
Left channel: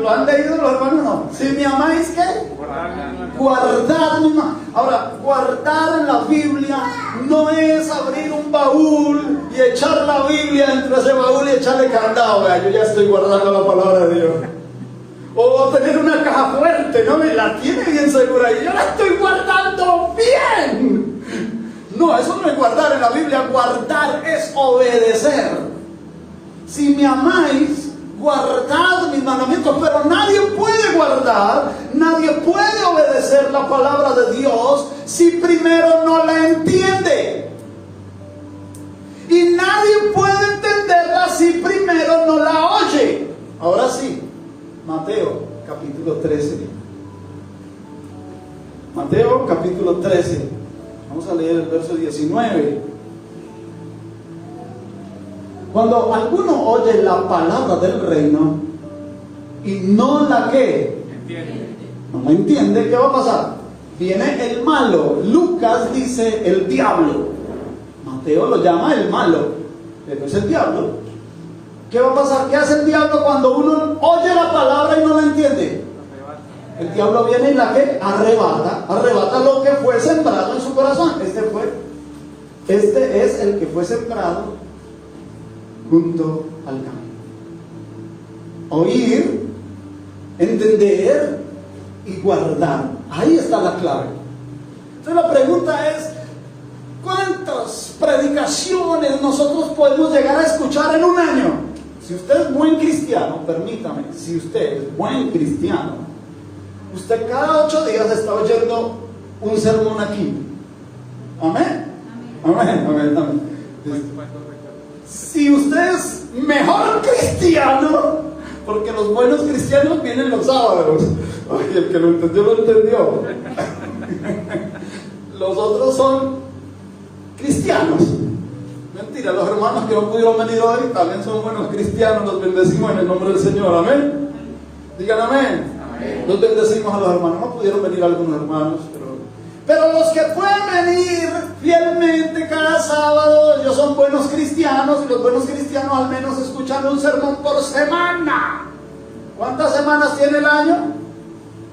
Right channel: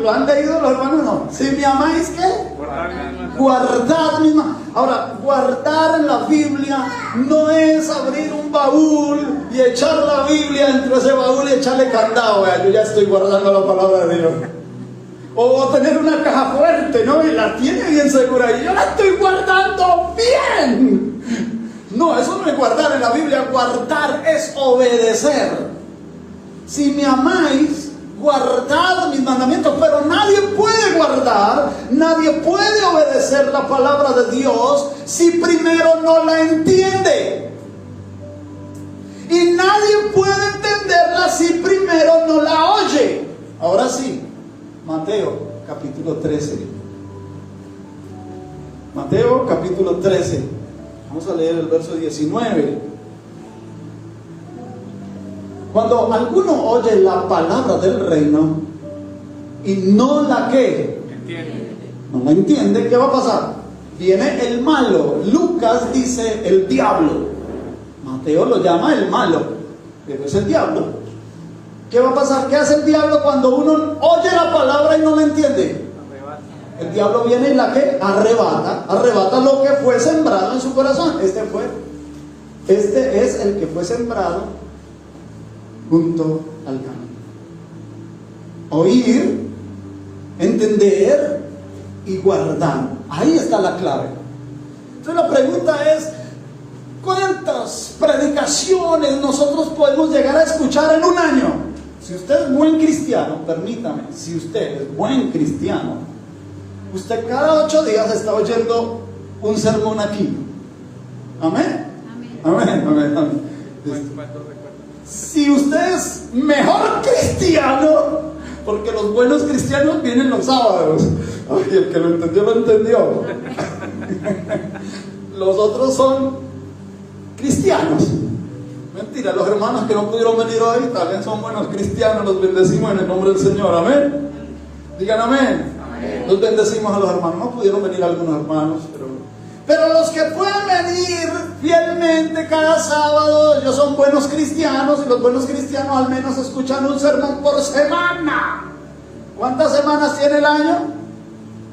¿lo han leído los hermanos? No. Si me amáis, ¿qué? Guardad mis mandamientos. Ahora, guardar en la Biblia no es abrir un baúl y echar la Biblia entre ese baúl y echarle candado. Vea, yo ya estoy guardando la palabra de Dios. O tener una caja fuerte, ¿no? Y la tiene bien segura. Y yo la estoy guardando bien. No, eso no es guardar en la Biblia. Guardar es obedecer. Si me amáis, guardad mis mandamientos. Pero nadie puede guardar, nadie puede obedecer la palabra de Dios si primero no la entiende. Y nadie puede entenderla si primero no la oye. Ahora sí. Mateo capítulo 13. Mateo capítulo 13. Vamos a leer el verso 19. Cuando alguno oye la palabra del reino y no la que no la entiende, ¿qué va a pasar? Viene el malo. Lucas dice el diablo. Mateo lo llama el malo, pero es el diablo. ¿Qué va a pasar? ¿Qué hace el diablo cuando uno oye la palabra y no la entiende? El diablo viene y la que arrebata lo que fue sembrado en su corazón. Este es el que fue sembrado junto al camino. Oír, entender y guardar. Ahí está la clave. Entonces la pregunta es, ¿cuántas predicaciones nosotros podemos llegar a escuchar en un año? Si usted es buen cristiano, permítame, si usted es buen cristiano, usted cada 8 días está oyendo un sermón aquí. Amén. Amén, amén, amén. Si usted es mejor cristiano, porque los buenos cristianos vienen los sábados. Ay, el que lo entendió, lo entendió. Los otros son cristianos. Mentira, los hermanos que no pudieron venir hoy también son buenos cristianos. Los bendecimos en el nombre del Señor. Amén. Digan amén. Amén. Los bendecimos a los hermanos. No pudieron venir algunos hermanos, pero los que pueden venir fielmente cada sábado, ellos son buenos cristianos. Y los buenos cristianos al menos escuchan un sermón por semana. ¿Cuántas semanas tiene el año?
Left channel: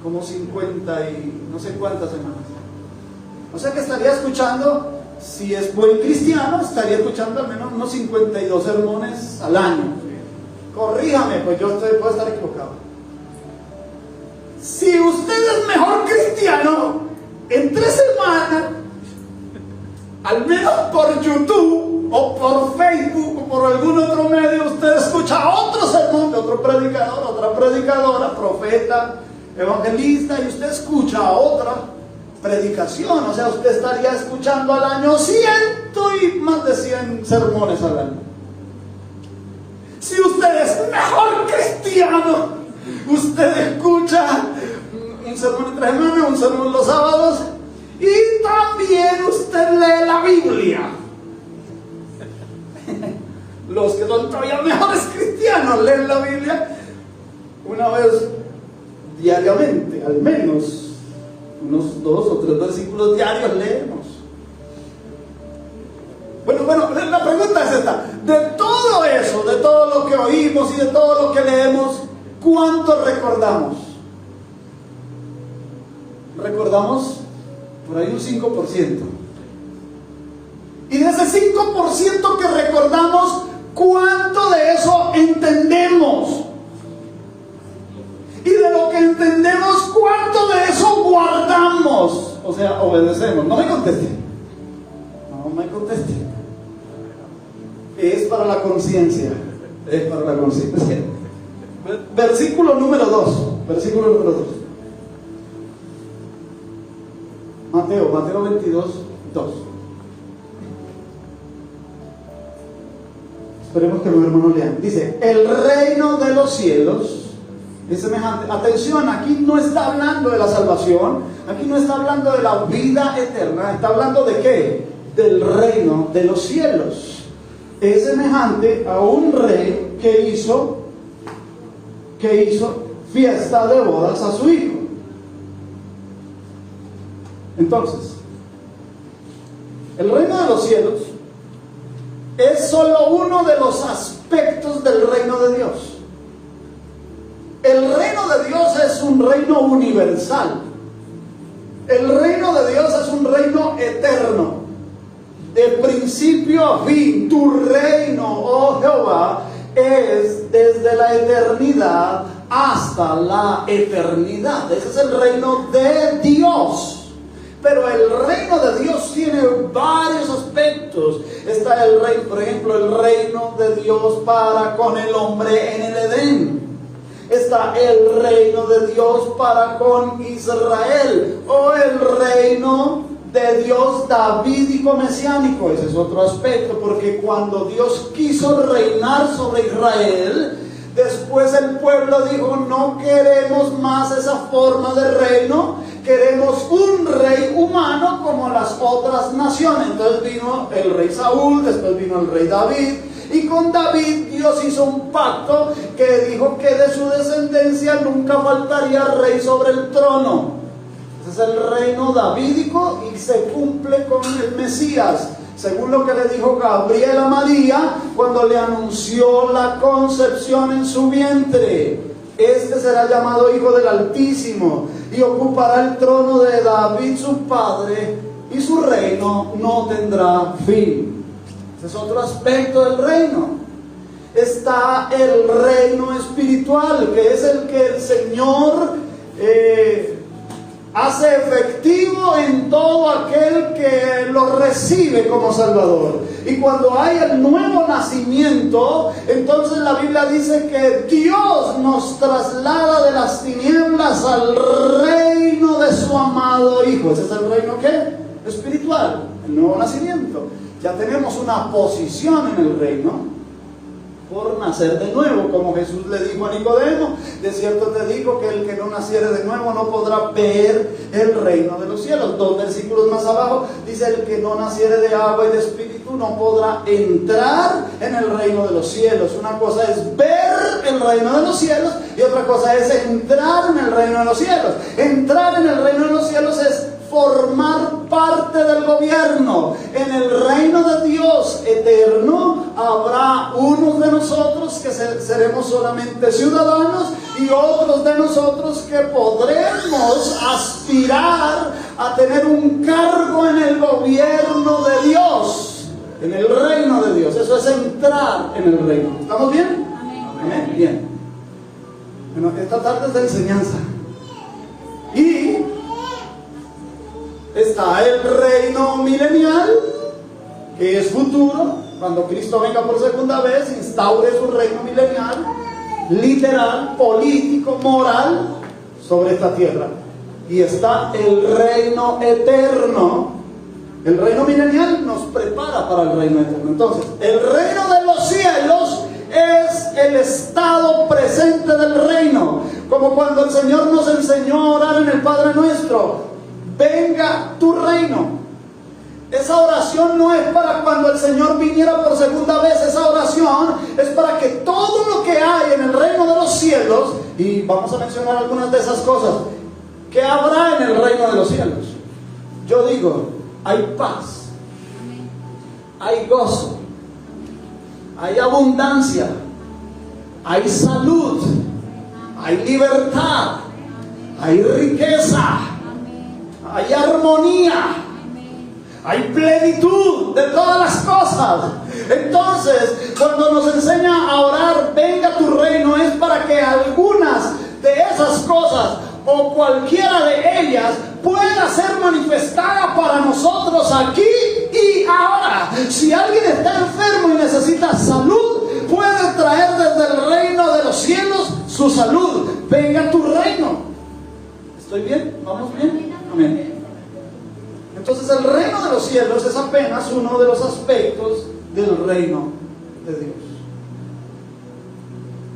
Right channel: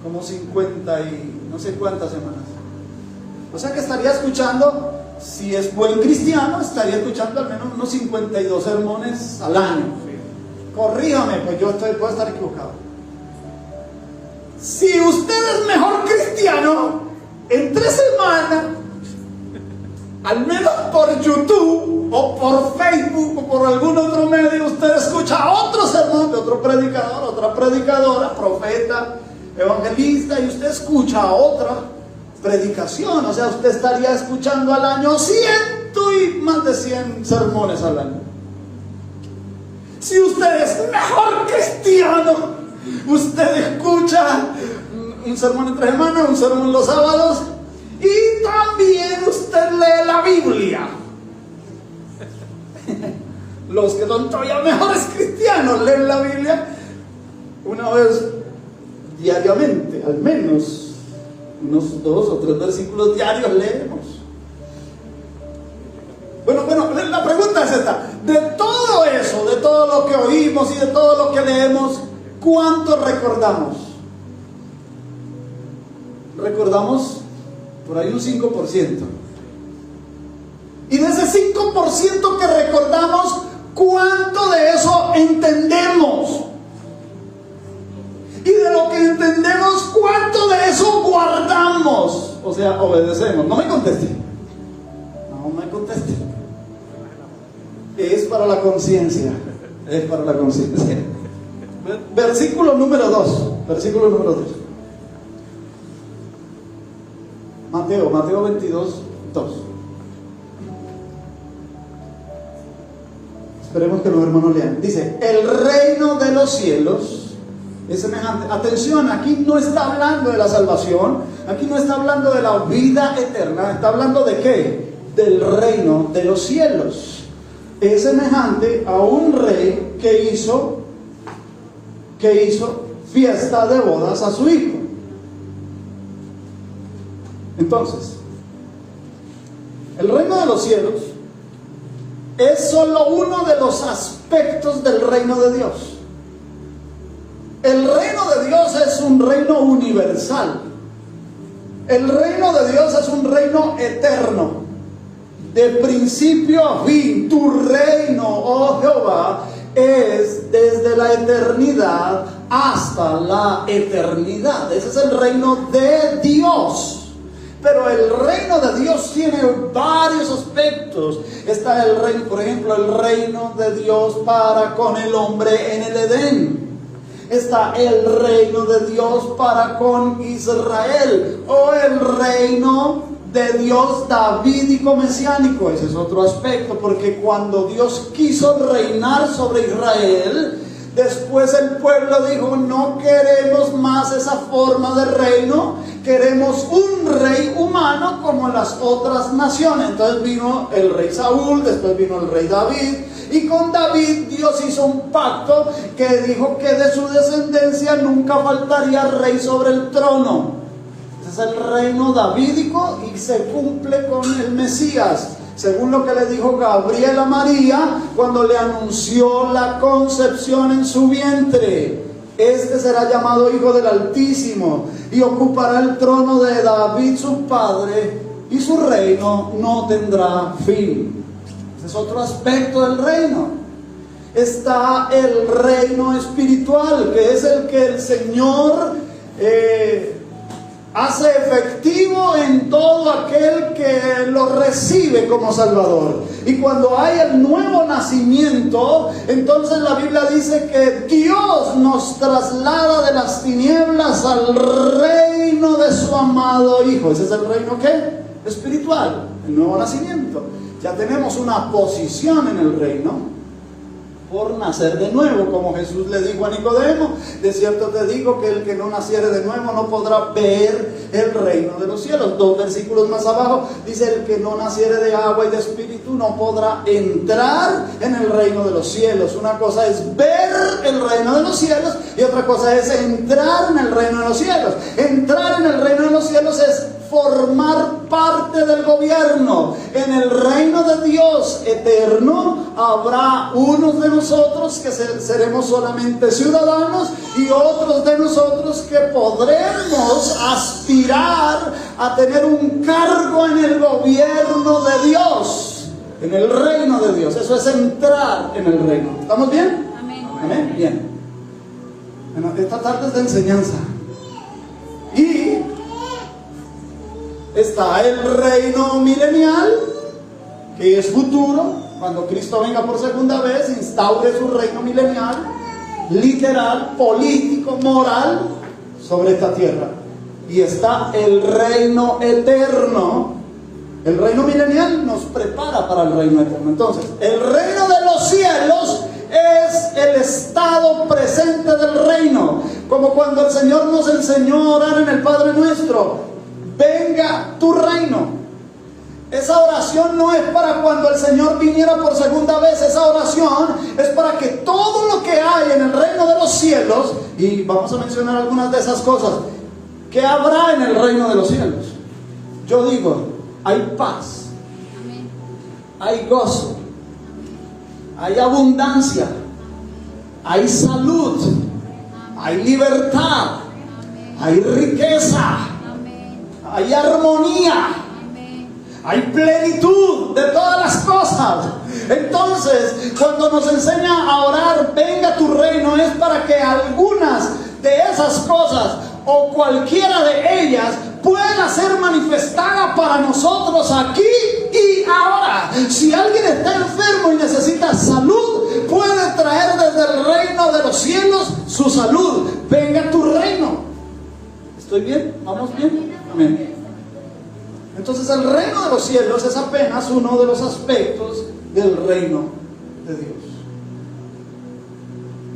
Como 50 y no sé cuántas semanas. O sea que estaría escuchando, si es buen cristiano, estaría escuchando al menos unos 52 sermones al año. Corríjame, pues yo puedo estar equivocado. Si usted es mejor cristiano, en 3 semanas, al menos por YouTube o por Facebook o por algún otro medio, usted escucha otro sermón de otro predicador, otra predicadora, profeta, evangelista, y usted escucha otra predicación. O sea, usted estaría escuchando al año 100 y más de 100 sermones al año. Si usted es mejor cristiano, usted escucha un sermón entre semanas, un sermón los sábados, y también usted lee la Biblia. Los que son todavía mejores cristianos leen la Biblia una vez diariamente, al menos unos 2 o 3 versículos diarios leemos. Bueno, la pregunta es esta: de todo eso, de todo lo que oímos y de todo lo que leemos, ¿cuánto recordamos? Recordamos por ahí un 5%. Y de ese 5% que recordamos, ¿cuánto de eso entendemos? Y de lo que entendemos, ¿cuánto de eso guardamos? O sea, obedecemos. No me conteste. No me conteste. Es para la conciencia. Es para la conciencia. Versículo número 2. Versículo número 2. Mateo 22, 2. Esperemos que los hermanos lean. Dice: el reino de los cielos es semejante. Atención, aquí no está hablando de la salvación, aquí no está hablando de la vida eterna, está hablando de ¿qué? Del reino de los cielos. Es semejante a un rey que hizo fiesta de bodas a su hijo. Entonces, el reino de los cielos es solo uno de los aspectos del reino de Dios. El reino de Dios es un reino universal. El reino de Dios es un reino eterno, de principio a fin. Tu reino, oh Jehová, es desde la eternidad hasta la eternidad. Ese es el reino de Dios. Pero el reino de Dios tiene varios aspectos. Está el reino, por ejemplo, el reino de Dios para con el hombre en el Edén. Está el reino de Dios para con Israel, o el reino de Dios davídico mesiánico. Ese es otro aspecto, porque cuando Dios quiso reinar sobre Israel, después el pueblo dijo: no queremos más esa forma de reino, queremos un rey humano como las otras naciones. Entonces vino el rey Saúl, después vino el rey David, y con David Dios hizo un pacto que dijo que de su descendencia nunca faltaría rey sobre el trono. Ese es el reino davídico y se cumple con el Mesías, según lo que le dijo Gabriel a María cuando le anunció la concepción en su vientre. Este será llamado Hijo del Altísimo y ocupará el trono de David su padre, y su reino no tendrá fin. Ese es otro aspecto del reino. Está el reino espiritual, que es el que el Señor hace efectivo en todo aquel que lo recibe como Salvador. Y cuando hay el nuevo nacimiento, entonces la Biblia dice que Dios nos traslada de las tinieblas al reino de su amado Hijo. Ese es el reino ¿qué? Espiritual, el nuevo nacimiento. Ya tenemos una posición en el reino por nacer de nuevo, como Jesús le dijo a Nicodemo: de cierto te digo que el que no naciere de nuevo no podrá ver el reino de los cielos. 2 versículos más abajo dice: el que no naciere de agua y de espíritu no podrá entrar en el reino de los cielos. Una cosa es ver el reino de los cielos y otra cosa es entrar en el reino de los cielos. Entrar en el reino de los cielos es formar parte del gobierno. En el reino de Dios eterno habrá unos de nosotros que seremos solamente ciudadanos y otros de nosotros que podremos aspirar a tener un cargo en el gobierno de Dios, en el reino de Dios. Eso es entrar en el reino. ¿Estamos bien? Amén. ¿Amén? Bien. Bueno, esta tarde es de enseñanza. Y está el reino milenial, que es futuro, cuando Cristo venga por segunda vez, instaure su reino milenial, literal, político, moral, sobre esta tierra. Y está el reino eterno. El reino milenial nos prepara para el reino eterno. Entonces, el reino de los cielos es el estado presente del reino. Como cuando el Señor nos enseñó a orar en el Padre Nuestro: venga tu reino. Esa oración no es para cuando el Señor viniera por segunda vez. Esa oración es para que todo lo que hay en el reino de los cielos, y vamos a mencionar algunas de esas cosas, que habrá en el reino de los cielos. Yo digo, hay paz, hay gozo, hay abundancia, hay salud, hay libertad, hay riqueza, hay armonía, hay plenitud de todas las cosas. Entonces, cuando nos enseña a orar, venga tu reino, es para que algunas de esas cosas o cualquiera de ellas pueda ser manifestada para nosotros aquí y ahora. Si alguien está enfermo y necesita salud, puede traer desde el reino de los cielos su salud. Venga tu reino. ¿Estoy bien? ¿Vamos bien? Amén. Entonces el reino de los cielos es apenas uno de los aspectos del reino de Dios.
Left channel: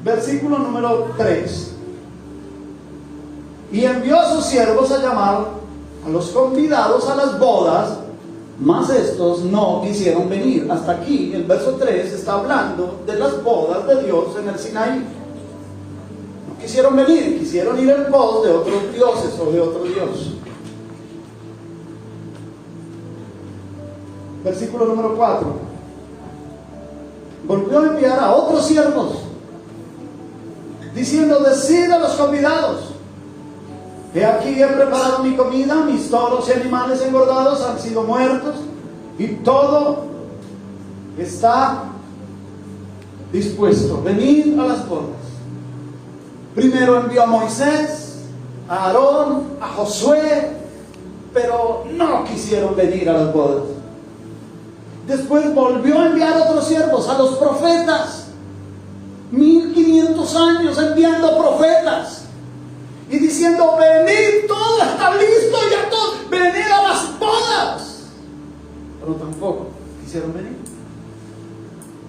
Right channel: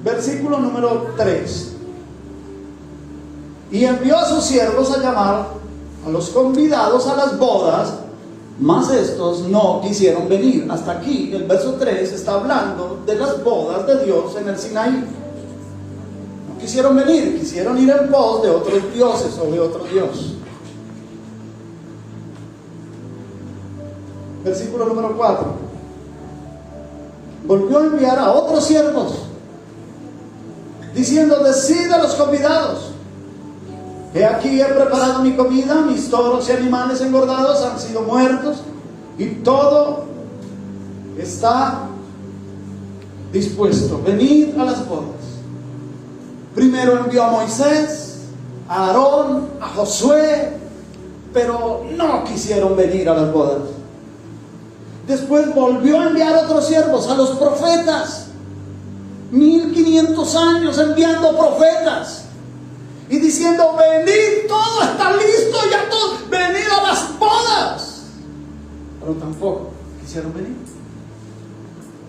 Versículo número 3. Y envió a sus siervos a llamar a los convidados a las bodas, mas estos no quisieron venir. Hasta aquí el verso 3 está hablando de las bodas de Dios en el Sinaí. No quisieron venir, quisieron ir en pos de otros dioses o de otro Dios. Versículo número 4. Volvió a enviar a otros siervos diciendo: decid a los convidados: he aquí he preparado mi comida, mis toros y animales engordados han sido muertos, y todo está dispuesto. Venid a las bodas. Primero envió a Moisés, a Aarón, a Josué, pero no quisieron venir a las bodas. Después volvió a enviar a otros siervos, a los profetas. 1500 años enviando profetas y diciendo: venid, todo está listo, ya todo, venid a las bodas. Pero tampoco quisieron venir.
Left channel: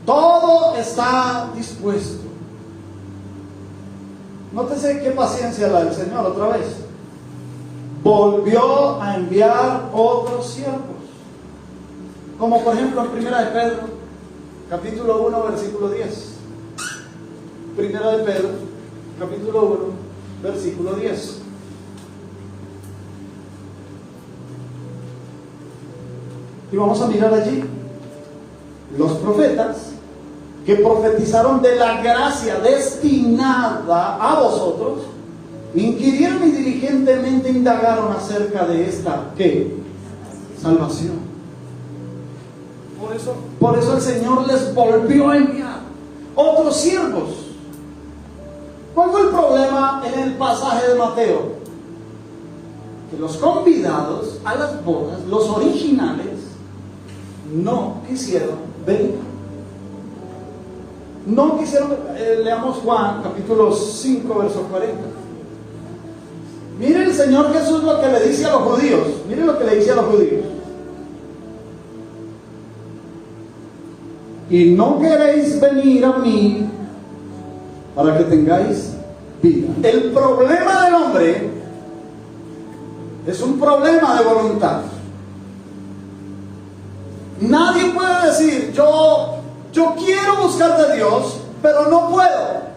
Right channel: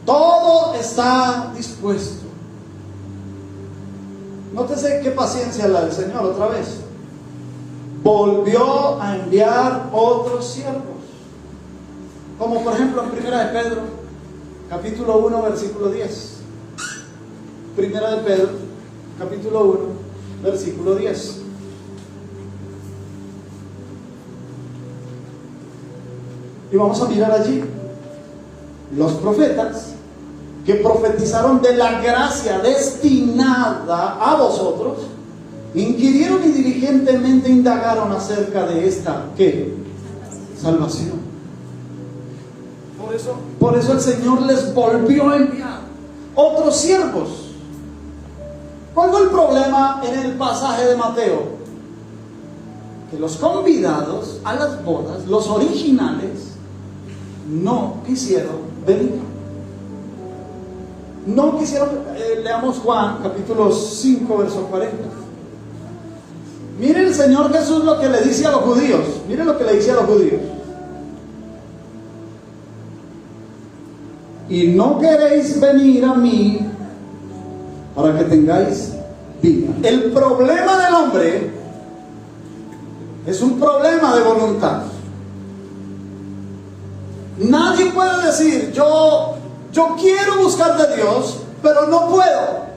Todo está dispuesto. Nótese qué paciencia la del Señor otra vez. Volvió a enviar otros siervos, como por ejemplo en Primera de Pedro, capítulo 1, versículo 10. Primera de Pedro, capítulo 1, versículo 10. Y vamos a mirar allí: los profetas que profetizaron de la gracia destinada a vosotros, inquirieron y diligentemente indagaron acerca de esta, ¿qué? Salvación. Por eso el Señor les volvió a enviar otros siervos. ¿Cuál fue el problema en el pasaje de Mateo? Que los convidados a las bodas, los originales, no quisieron venir. No quisieron. Leamos Juan capítulo 5, verso 40. Mire el Señor Jesús lo que le dice a los judíos. Mire lo que le dice a los judíos: y no queréis venir a mí para que tengáis vida. El problema del hombre es un problema de voluntad. Nadie puede decir: yo quiero buscar de Dios, pero no puedo.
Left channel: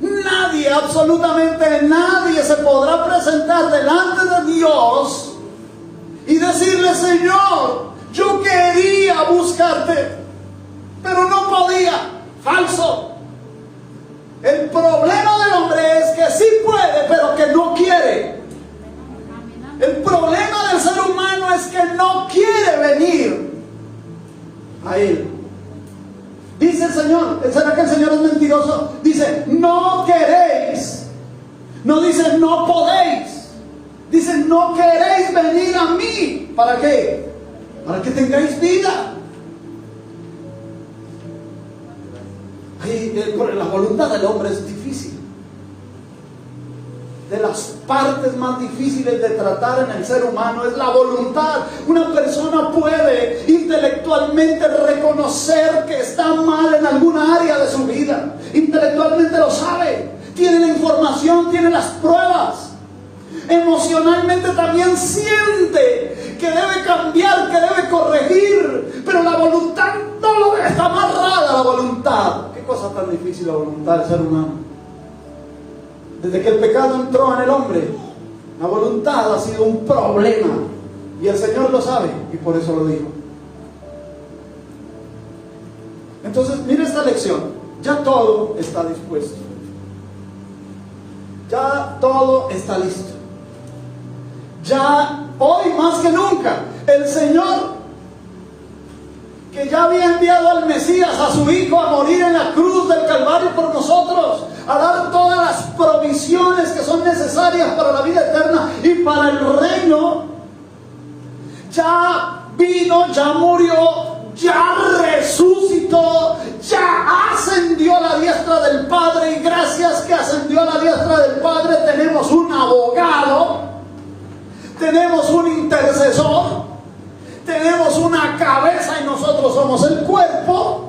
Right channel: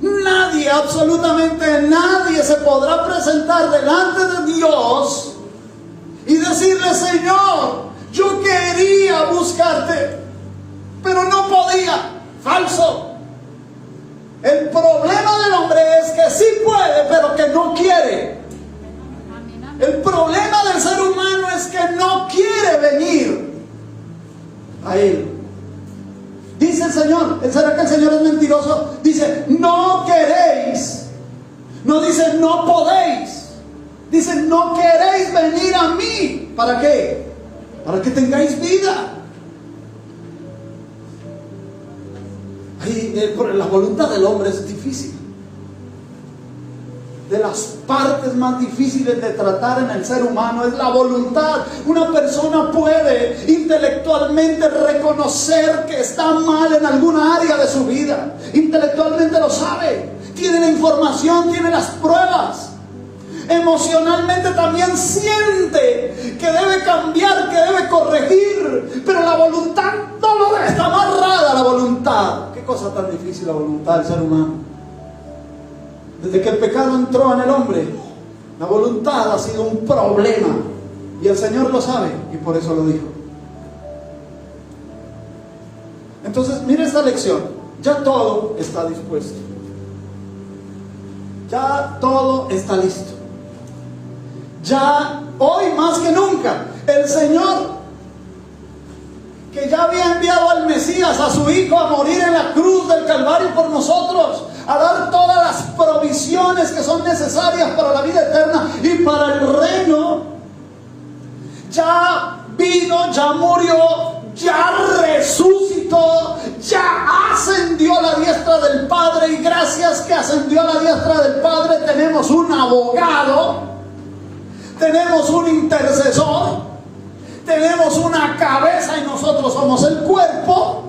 Nadie, absolutamente nadie, se podrá presentar delante de Dios y decirle: Señor, yo quería buscarte, pero no podía. Falso. El problema del hombre es que sí puede, pero que no quiere. El problema del ser humano es que no quiere venir a Él. Dice el Señor, ¿será que el Señor es mentiroso? Dice: no queréis. No dice: no podéis. Dice: no queréis venir a mí. ¿Para qué? Para que tengáis vida. La voluntad del hombre es difícil. De las partes más difíciles de tratar en el ser humano es la voluntad. Una persona puede intelectualmente reconocer que está mal en alguna área de su vida. Intelectualmente lo sabe. Tiene la información, tiene las pruebas. Emocionalmente también siente que debe cambiar, que debe corregir. Pero la voluntad no lo debe. Está amarrada a la voluntad. Qué cosa tan difícil la voluntad del ser humano. Desde que el pecado entró en el hombre, la voluntad ha sido un problema. Y el Señor lo sabe, y por eso lo dijo. Entonces, mire esta lección. Ya todo está dispuesto. Ya todo está listo. Ya hoy más que nunca, el Señor, que ya había enviado al Mesías, a su Hijo, a morir en la cruz del Calvario por nosotros, a dar todas las provisiones que son necesarias para la vida eterna y para el reino, ya vino, ya murió, ya resucitó, ya ascendió a la diestra del Padre, y gracias que ascendió a la diestra del Padre tenemos un abogado, tenemos un intercesor, tenemos una cabeza y nosotros somos el cuerpo.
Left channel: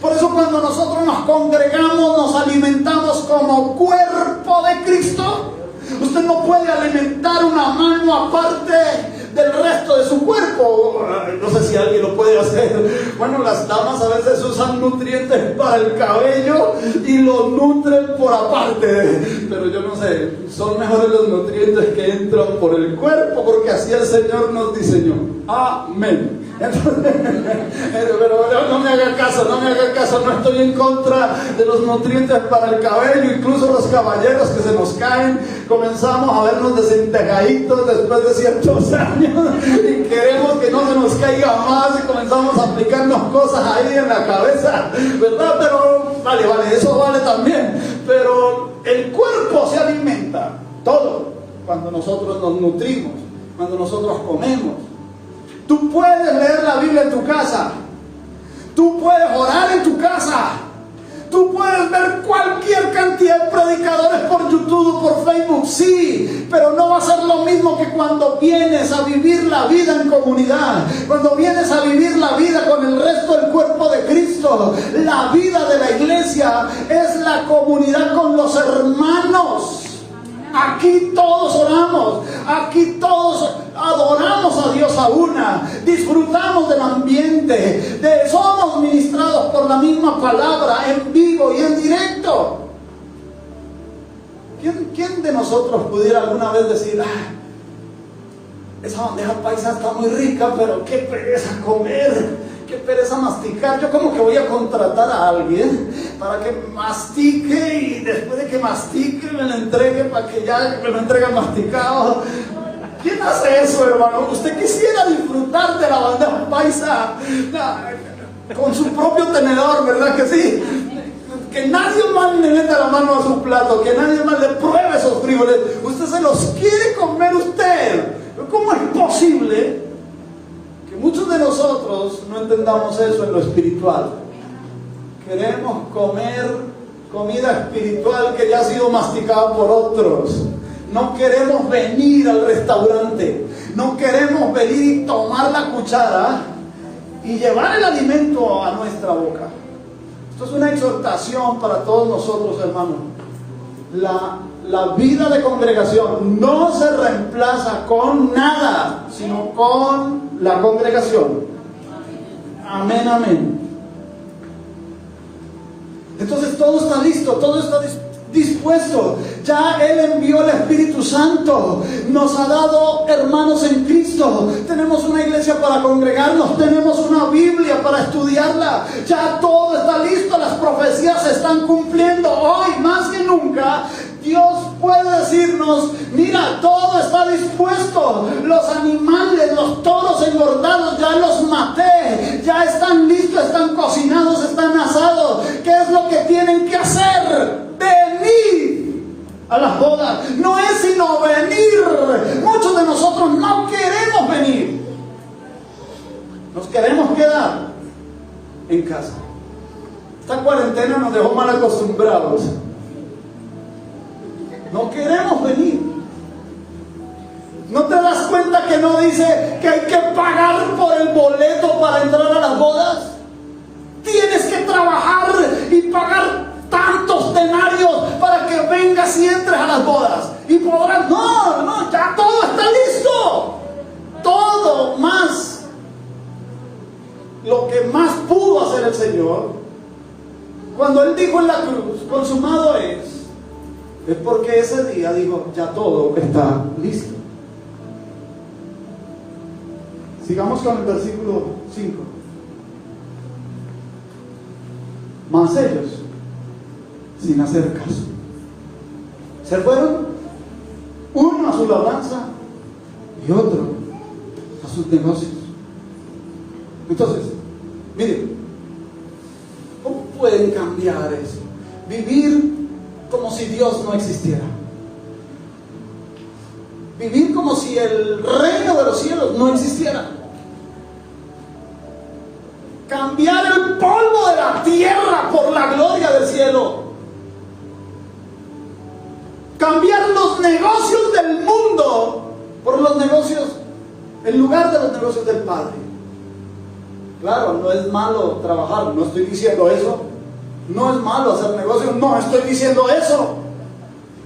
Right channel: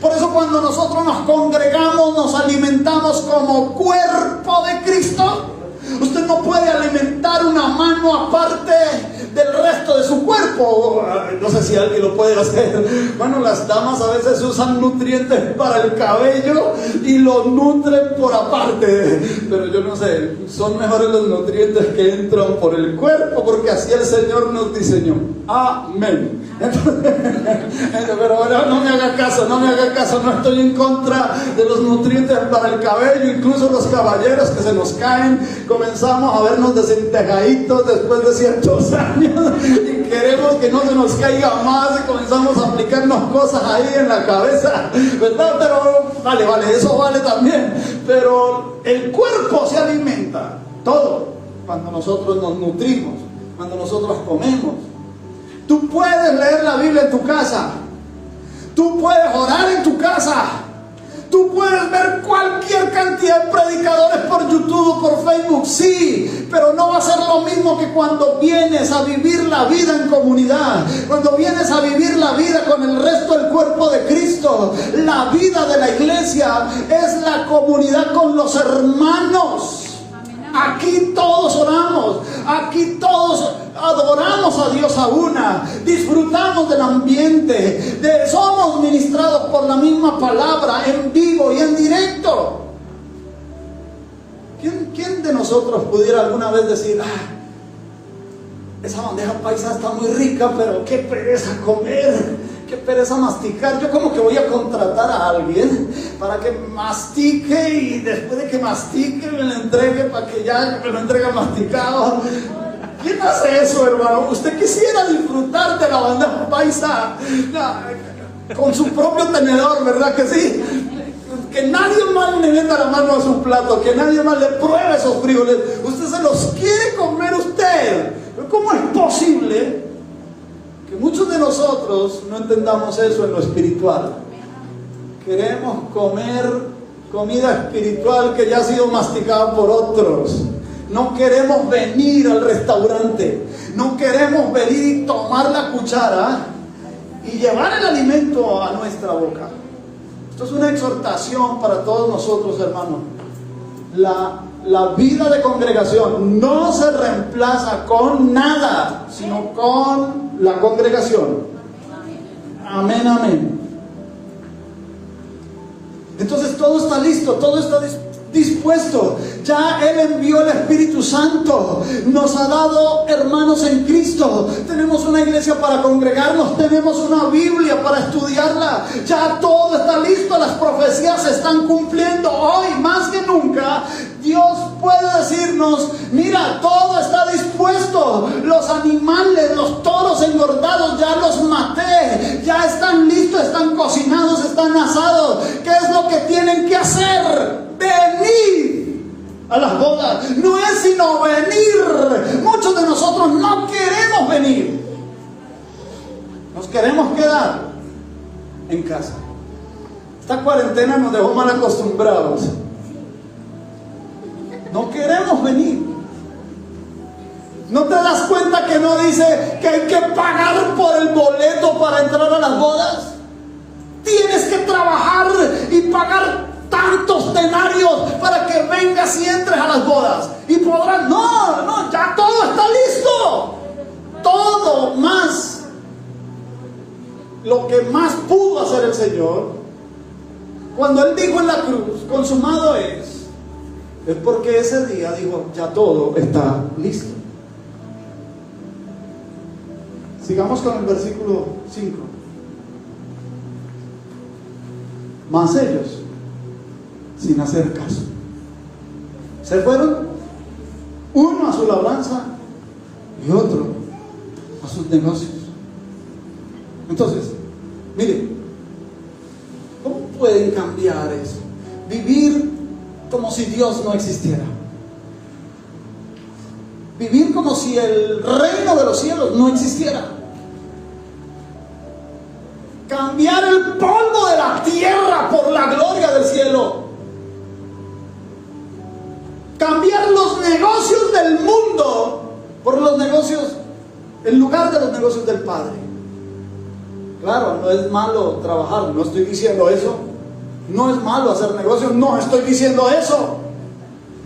Por eso cuando nosotros nos congregamos, nos alimentamos como cuerpo de Cristo. Usted no puede alimentar una mano aparte del resto de su cuerpo. No sé si alguien lo puede hacer. Bueno, las damas a veces usan nutrientes para el cabello y lo nutren por aparte, pero yo no sé, son mejores los nutrientes que entran por el cuerpo, porque así el Señor nos diseñó. Amén. Pero no me haga caso, no estoy en contra de los nutrientes para el cabello. Incluso los caballeros que se nos caen, comenzamos a vernos desentejaditos después de ciertos años y queremos que no se nos caiga más y comenzamos a aplicarnos cosas ahí en la cabeza, ¿verdad? Pero vale, eso vale también. Pero el cuerpo se alimenta, todo, cuando nosotros nos nutrimos, cuando nosotros comemos. Tú puedes leer la Biblia en tu casa, tú puedes orar en tu casa, tú puedes ver cualquier cantidad de predicadores por YouTube o por Facebook, sí, pero no va a ser lo mismo que cuando vienes a vivir la vida en comunidad, cuando vienes a vivir la vida con el resto del cuerpo de Cristo. La vida de la iglesia es la comunidad con los hermanos. Aquí todos oramos, aquí todos adoramos a Dios a una, disfrutamos del ambiente, somos ministrados por la misma palabra en vivo y en directo. ¿Quién de nosotros pudiera alguna vez decir, esa bandeja paisa está muy rica, pero qué pereza comer, qué pereza masticar? Yo como que voy a contratar a alguien para que mastique y después de que mastique me lo entregue para que ya me lo entregue masticado. ¿Quién hace eso, hermano? ¿Usted quisiera disfrutar de la bandeja paisa con su propio tenedor, verdad que sí? Que nadie más le meta la mano a su plato, que nadie más le pruebe esos frijoles. Usted se los quiere comer usted. Pero ¿cómo es posible que muchos de nosotros no entendamos eso en lo espiritual? Queremos comer comida espiritual que ya ha sido masticada por otros. No queremos venir al restaurante, no queremos venir y tomar la cuchara y llevar el alimento a nuestra boca. Esto es una exhortación para todos nosotros, hermanos. La vida de congregación no se reemplaza con nada, sino con la congregación. Amén, amén. Entonces todo está listo, todo está dispuesto. Ya Él envió el Espíritu Santo, nos ha dado hermanos en Cristo, tenemos una iglesia para congregarnos, tenemos una Biblia para estudiarla, ya todo está listo, las profecías se están cumpliendo. Hoy más que nunca Dios puede decirnos, mira, todo está dispuesto, los animales, los toros engordados ya los maté, ya están listos, están cocinados, están asados. ¿Qué es lo que tienen que hacer? Venir a las bodas. No es sino venir. Muchos de nosotros no queremos venir, nos queremos quedar en casa. Esta cuarentena nos dejó mal acostumbrados. No queremos venir. ¿No te das cuenta que no dice que hay que pagar por el boleto para entrar a las bodas? Tienes que trabajar y pagar tantos denarios para que vengas y entres a las bodas. Y podrás, no, ya todo está listo. Todo más. Lo que más pudo hacer el Señor, cuando Él dijo en la cruz, consumado es porque ese día dijo, ya todo está listo. Sigamos con el versículo 5. Mas ellos, sin hacer caso, se fueron, uno a su labranza y otro a sus negocios. Entonces, miren, ¿cómo pueden cambiar eso? Vivir como si Dios no existiera. Vivir como si el reino de los cielos no existiera. Cambiar el polvo de la tierra por la gloria del cielo. Cambiar los negocios del mundo por los negocios, en lugar de los negocios del Padre. Claro, no es malo trabajar, no estoy diciendo eso. No es malo hacer negocios, no estoy diciendo eso.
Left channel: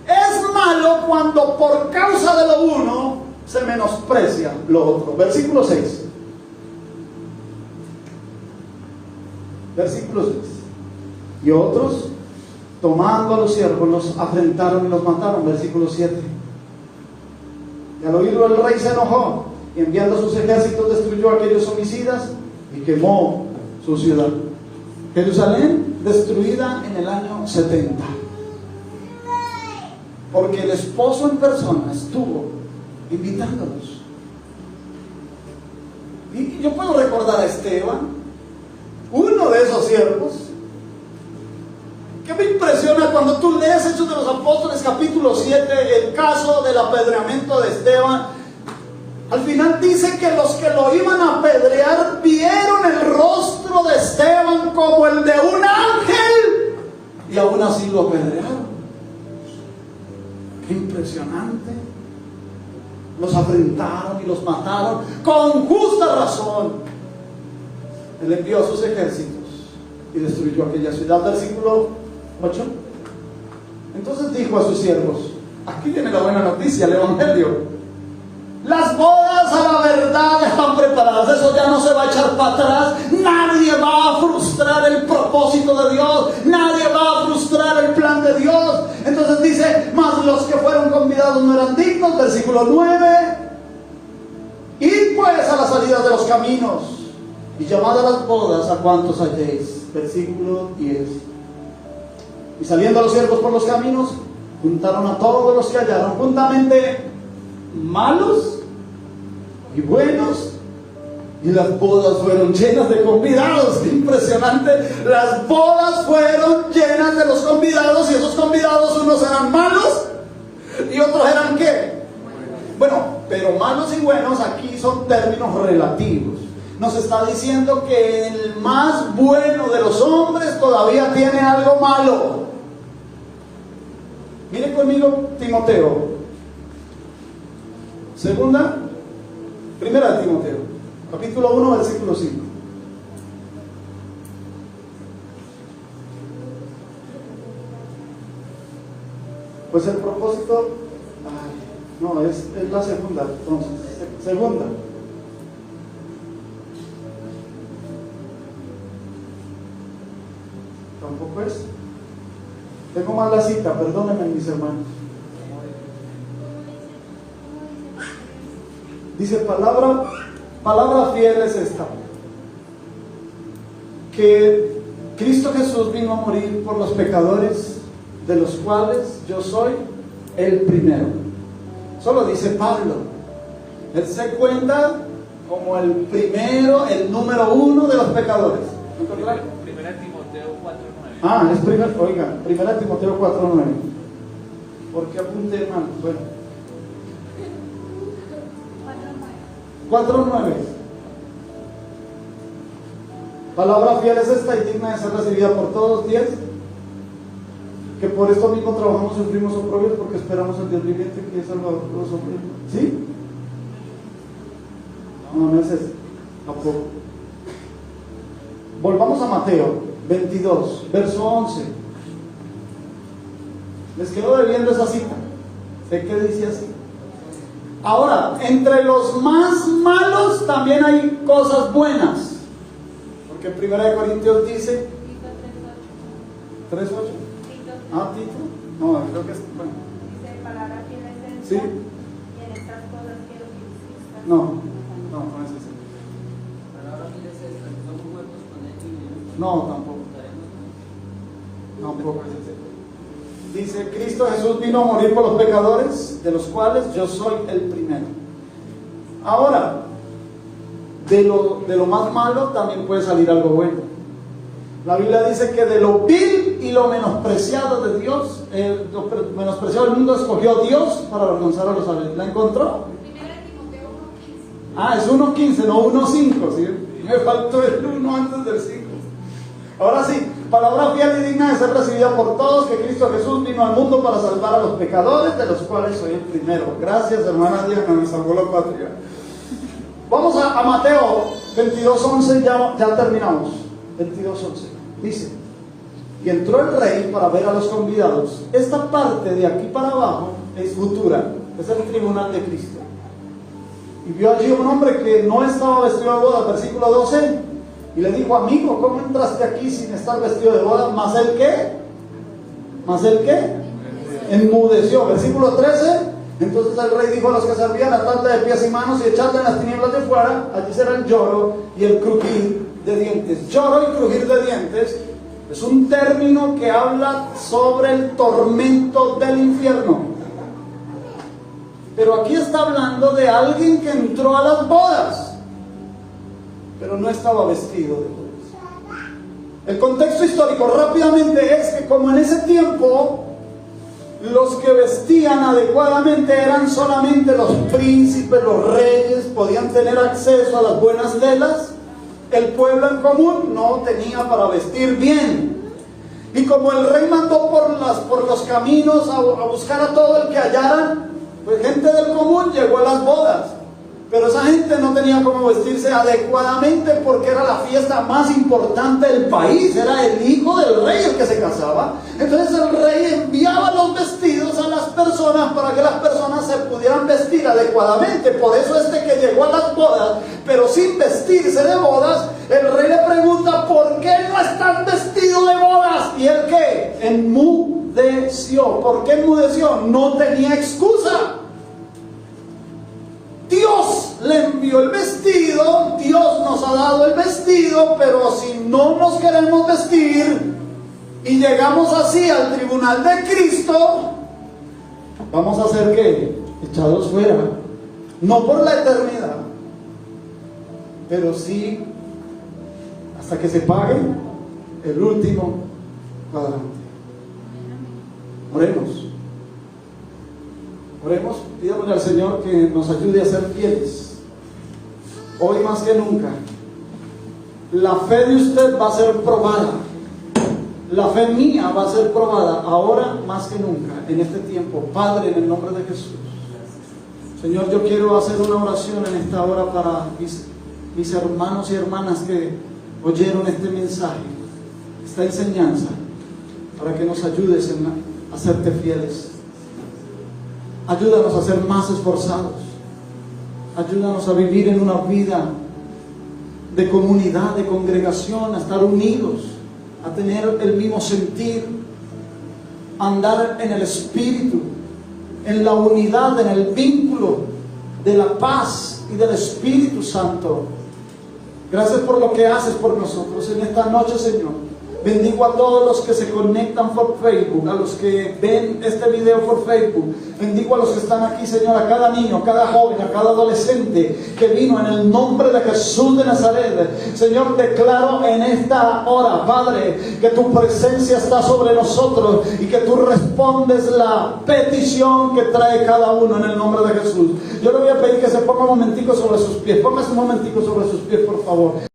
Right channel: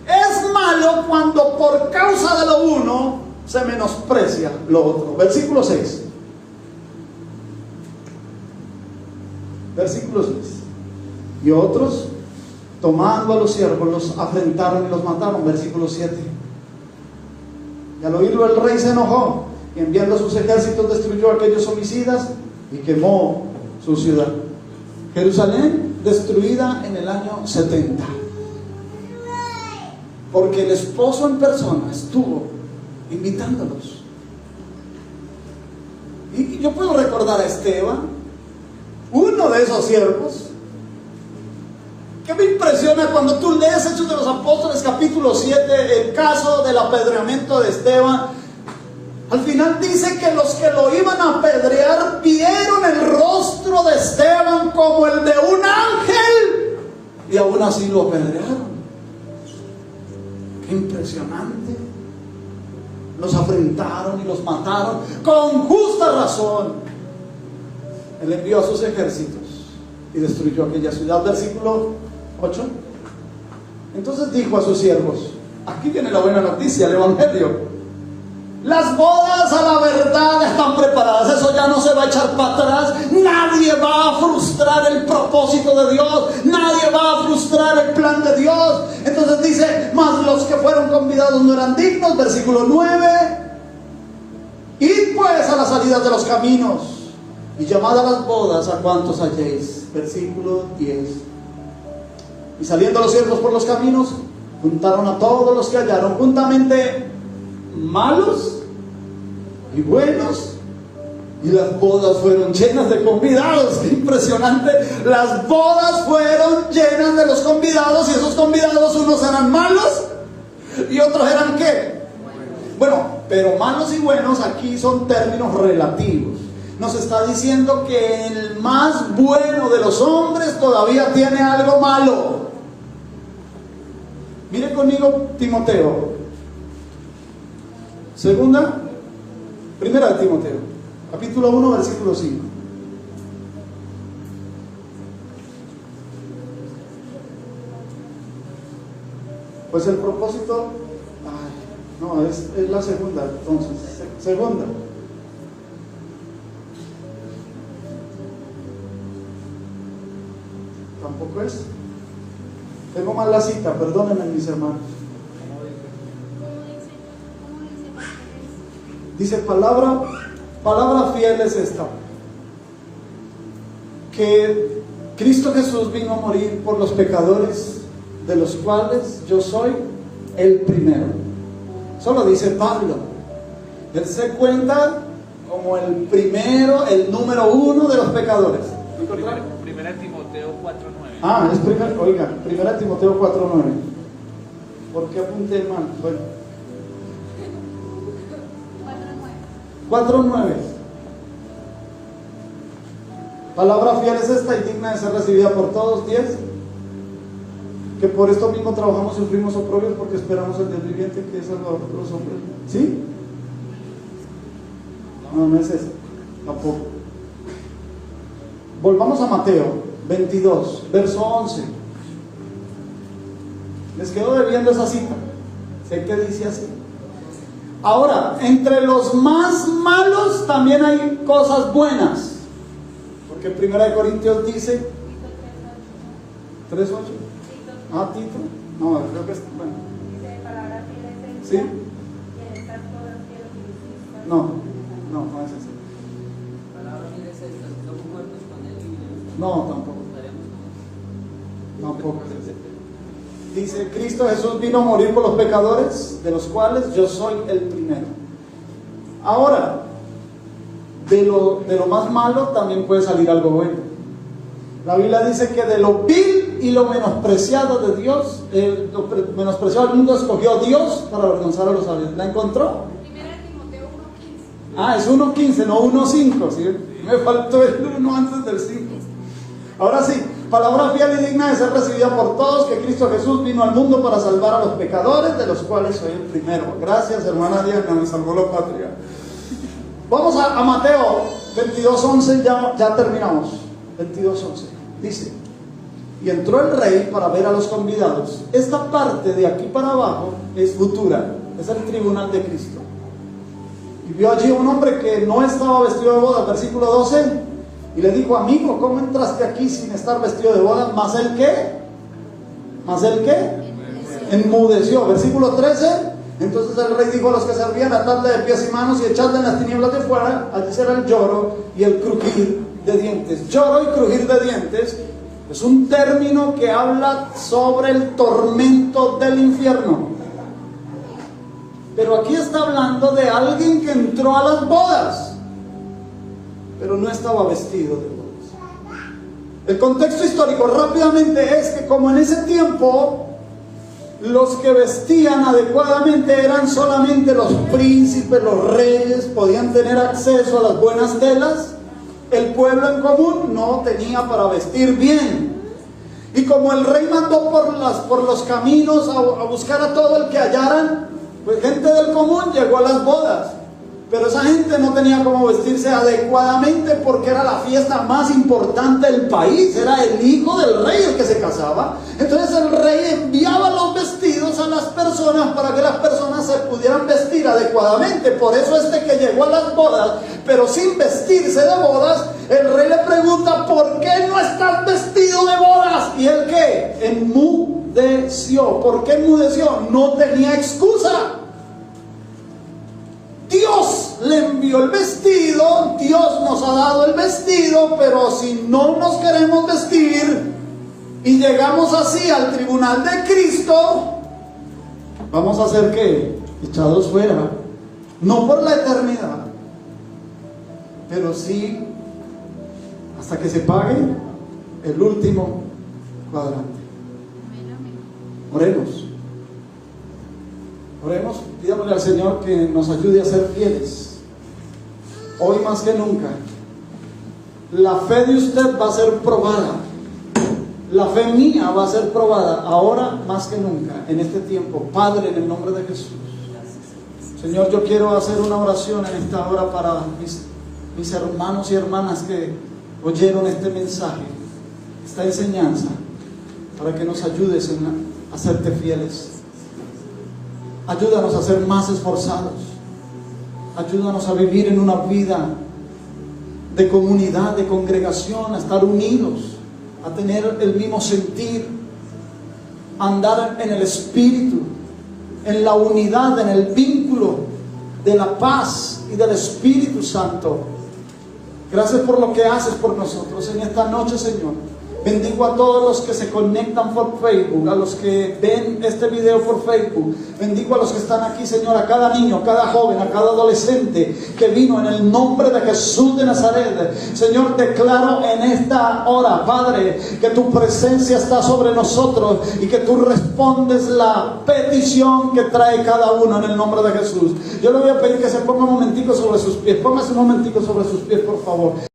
Es malo cuando por causa de lo uno se menosprecia lo otro. Versículo 6. Versículo 6. Y otros, tomando a los siervos, los afrentaron y los mataron. Versículo 7. Y al oírlo el rey se enojó, y enviando a sus ejércitos destruyó a aquellos homicidas y quemó su ciudad. Jerusalén destruida en el año 70. Porque el esposo en persona estuvo invitándolos. Y yo puedo recordar a Esteban, uno de esos siervos, que me impresiona cuando tú lees Hechos de los Apóstoles capítulo 7, el caso del apedreamiento de Esteban. Al final dice que los que lo iban a apedrear vieron el rostro de Esteban como el de un ángel, y aún así lo apedrearon. Qué impresionante. Los afrentaron y los mataron con justa razón. Él envió a sus ejércitos y destruyó aquella ciudad. Versículo 8. Entonces dijo a sus siervos, aquí viene la buena noticia, el evangelio: las bodas a la verdad están preparadas. Eso ya no se va a echar para atrás. Nadie va a frustrar el propósito de Dios. Nadie va a frustrar el plan de Dios. Entonces dice, mas los que fueron convidados no eran dignos. Versículo 9. Id pues a la salida de los caminos y llamad a las bodas a cuantos halléis. Versículo 10. Y saliendo los siervos por los caminos, juntaron a todos los que hallaron, juntamente malos y buenos, y las bodas fueron llenas de convidados. ¡Qué impresionante! Las bodas fueron llenas de los convidados, y esos convidados, unos eran malos y otros eran ¿qué? Bueno, pero malos y buenos aquí son términos relativos. Nos está diciendo que el más bueno de los hombres todavía tiene algo malo. Mire conmigo Timoteo. Primera de Timoteo, capítulo 1, versículo 5. Pues el propósito, es la segunda, entonces, segunda. Tampoco es. Tengo mal la cita, perdónenme mis hermanos. Dice palabra fiel es esta: que Cristo Jesús vino a morir por los pecadores, de los cuales yo soy el primero. Solo dice Pablo. Él se cuenta como el primero, el número uno de los pecadores. Primera Timoteo 4:9. Primera Timoteo 4:9. ¿Por qué apunté mal? Bueno, 4:9. Palabra fiel es esta y digna de ser recibida por todos. 10. Que por esto mismo trabajamos y sufrimos oprobios, porque esperamos el Dios viviente, que es salvador de los hombres. ¿Sí? No es eso. Tampoco. Volvamos a Mateo 22, verso 11. Les quedo debiendo esa cita. Sé que dice así. Ahora, entre los más malos también hay cosas buenas. Porque 1 Corintios dice 3:8. Tito. No, creo que es bueno. ¿Sí? No es así. No, tampoco es así. Dice, Cristo Jesús vino a morir por los pecadores, de los cuales yo soy el primero. Ahora, de lo más malo también puede salir algo bueno. La Biblia dice que de lo vil y lo menospreciado de Dios, lo menospreciado del mundo escogió Dios para alcanzar a los sabios. ¿La encontró? Primera de Timoteo 1:15. Es 1:15, no 1:5, ¿sí? Me faltó el 1 antes del 5. Ahora sí, palabra fiel y digna de ser recibida por todos, que Cristo Jesús vino al mundo para salvar a los pecadores, de los cuales soy el primero. Gracias, hermana Díaz, que me salvó la patria. Vamos a Mateo 22:11, ya terminamos. 22:11. Dice, y entró el rey para ver a los convidados. Esta parte de aquí para abajo es futura, es el tribunal de Cristo. y vio allí un hombre que no estaba vestido de boda, versículo 12, y le dijo: amigo, ¿cómo entraste aquí sin estar vestido de boda? ¿Mas él qué? ¿Mas él qué? Enmudeció. Versículo 13, entonces el rey dijo a los que servían: atadle de pies y manos y echadle en las tinieblas de fuera, allí será el lloro y el crujir de dientes. Lloro y crujir de dientes es un término que habla sobre el tormento del infierno. Pero aquí está hablando de alguien que entró a las bodas, pero no estaba vestido de bodas. El contexto histórico rápidamente es que, como en ese tiempo los que vestían adecuadamente eran solamente los príncipes, los reyes, podían tener acceso a las buenas telas, el pueblo en común no tenía para vestir bien. Y como el rey mandó por los caminos a buscar a todo el que hallaran, pues gente del común llegó a las bodas, pero esa gente no tenía cómo vestirse adecuadamente porque era la fiesta más importante del país, era el hijo del rey el que se casaba. Entonces el rey enviaba los vestidos a las personas para que las personas se pudieran vestir adecuadamente. Por eso que llegó a las bodas, pero sin vestirse de bodas, el rey le pregunta: ¿por qué no estás vestido de bodas? ¿Y él qué? Enmudeció. ¿Por qué enmudeció? No tenía excusa. Dios le envió el vestido, Dios nos ha dado el vestido, pero si no nos queremos vestir y llegamos así al tribunal de Cristo, vamos a ser ¿qué? Echados fuera. No por la eternidad, pero sí hasta que se pague el último cuadrante. Oremos. Oremos, pidámosle al Señor que nos ayude a ser fieles. Hoy más que nunca, la fe de usted va a ser probada. La fe mía va a ser probada ahora más que nunca, en este tiempo. Padre, en el nombre de Jesús. Señor, yo quiero hacer una oración en esta hora para mis hermanos y hermanas que oyeron este mensaje, esta enseñanza, para que nos ayudes a serte fieles. Ayúdanos a ser más esforzados. Ayúdanos a vivir en una vida de comunidad, de congregación, a estar unidos, a tener el mismo sentir, a andar en el Espíritu, en la unidad, en el vínculo de la paz y del Espíritu Santo. Gracias por lo que haces por nosotros en esta noche, Señor. Bendigo a todos los que se conectan por Facebook, a los que ven este video por Facebook. Bendigo a los que están aquí, Señor, a cada niño, a cada joven, a cada adolescente que vino en el nombre de Jesús de Nazaret. Señor, declaro en esta hora, Padre, que tu presencia está sobre nosotros y que tú respondes la petición que trae cada uno en el nombre de Jesús. Yo le voy a pedir que se ponga un momentico sobre sus pies. Póngase un momentico sobre sus pies, por favor.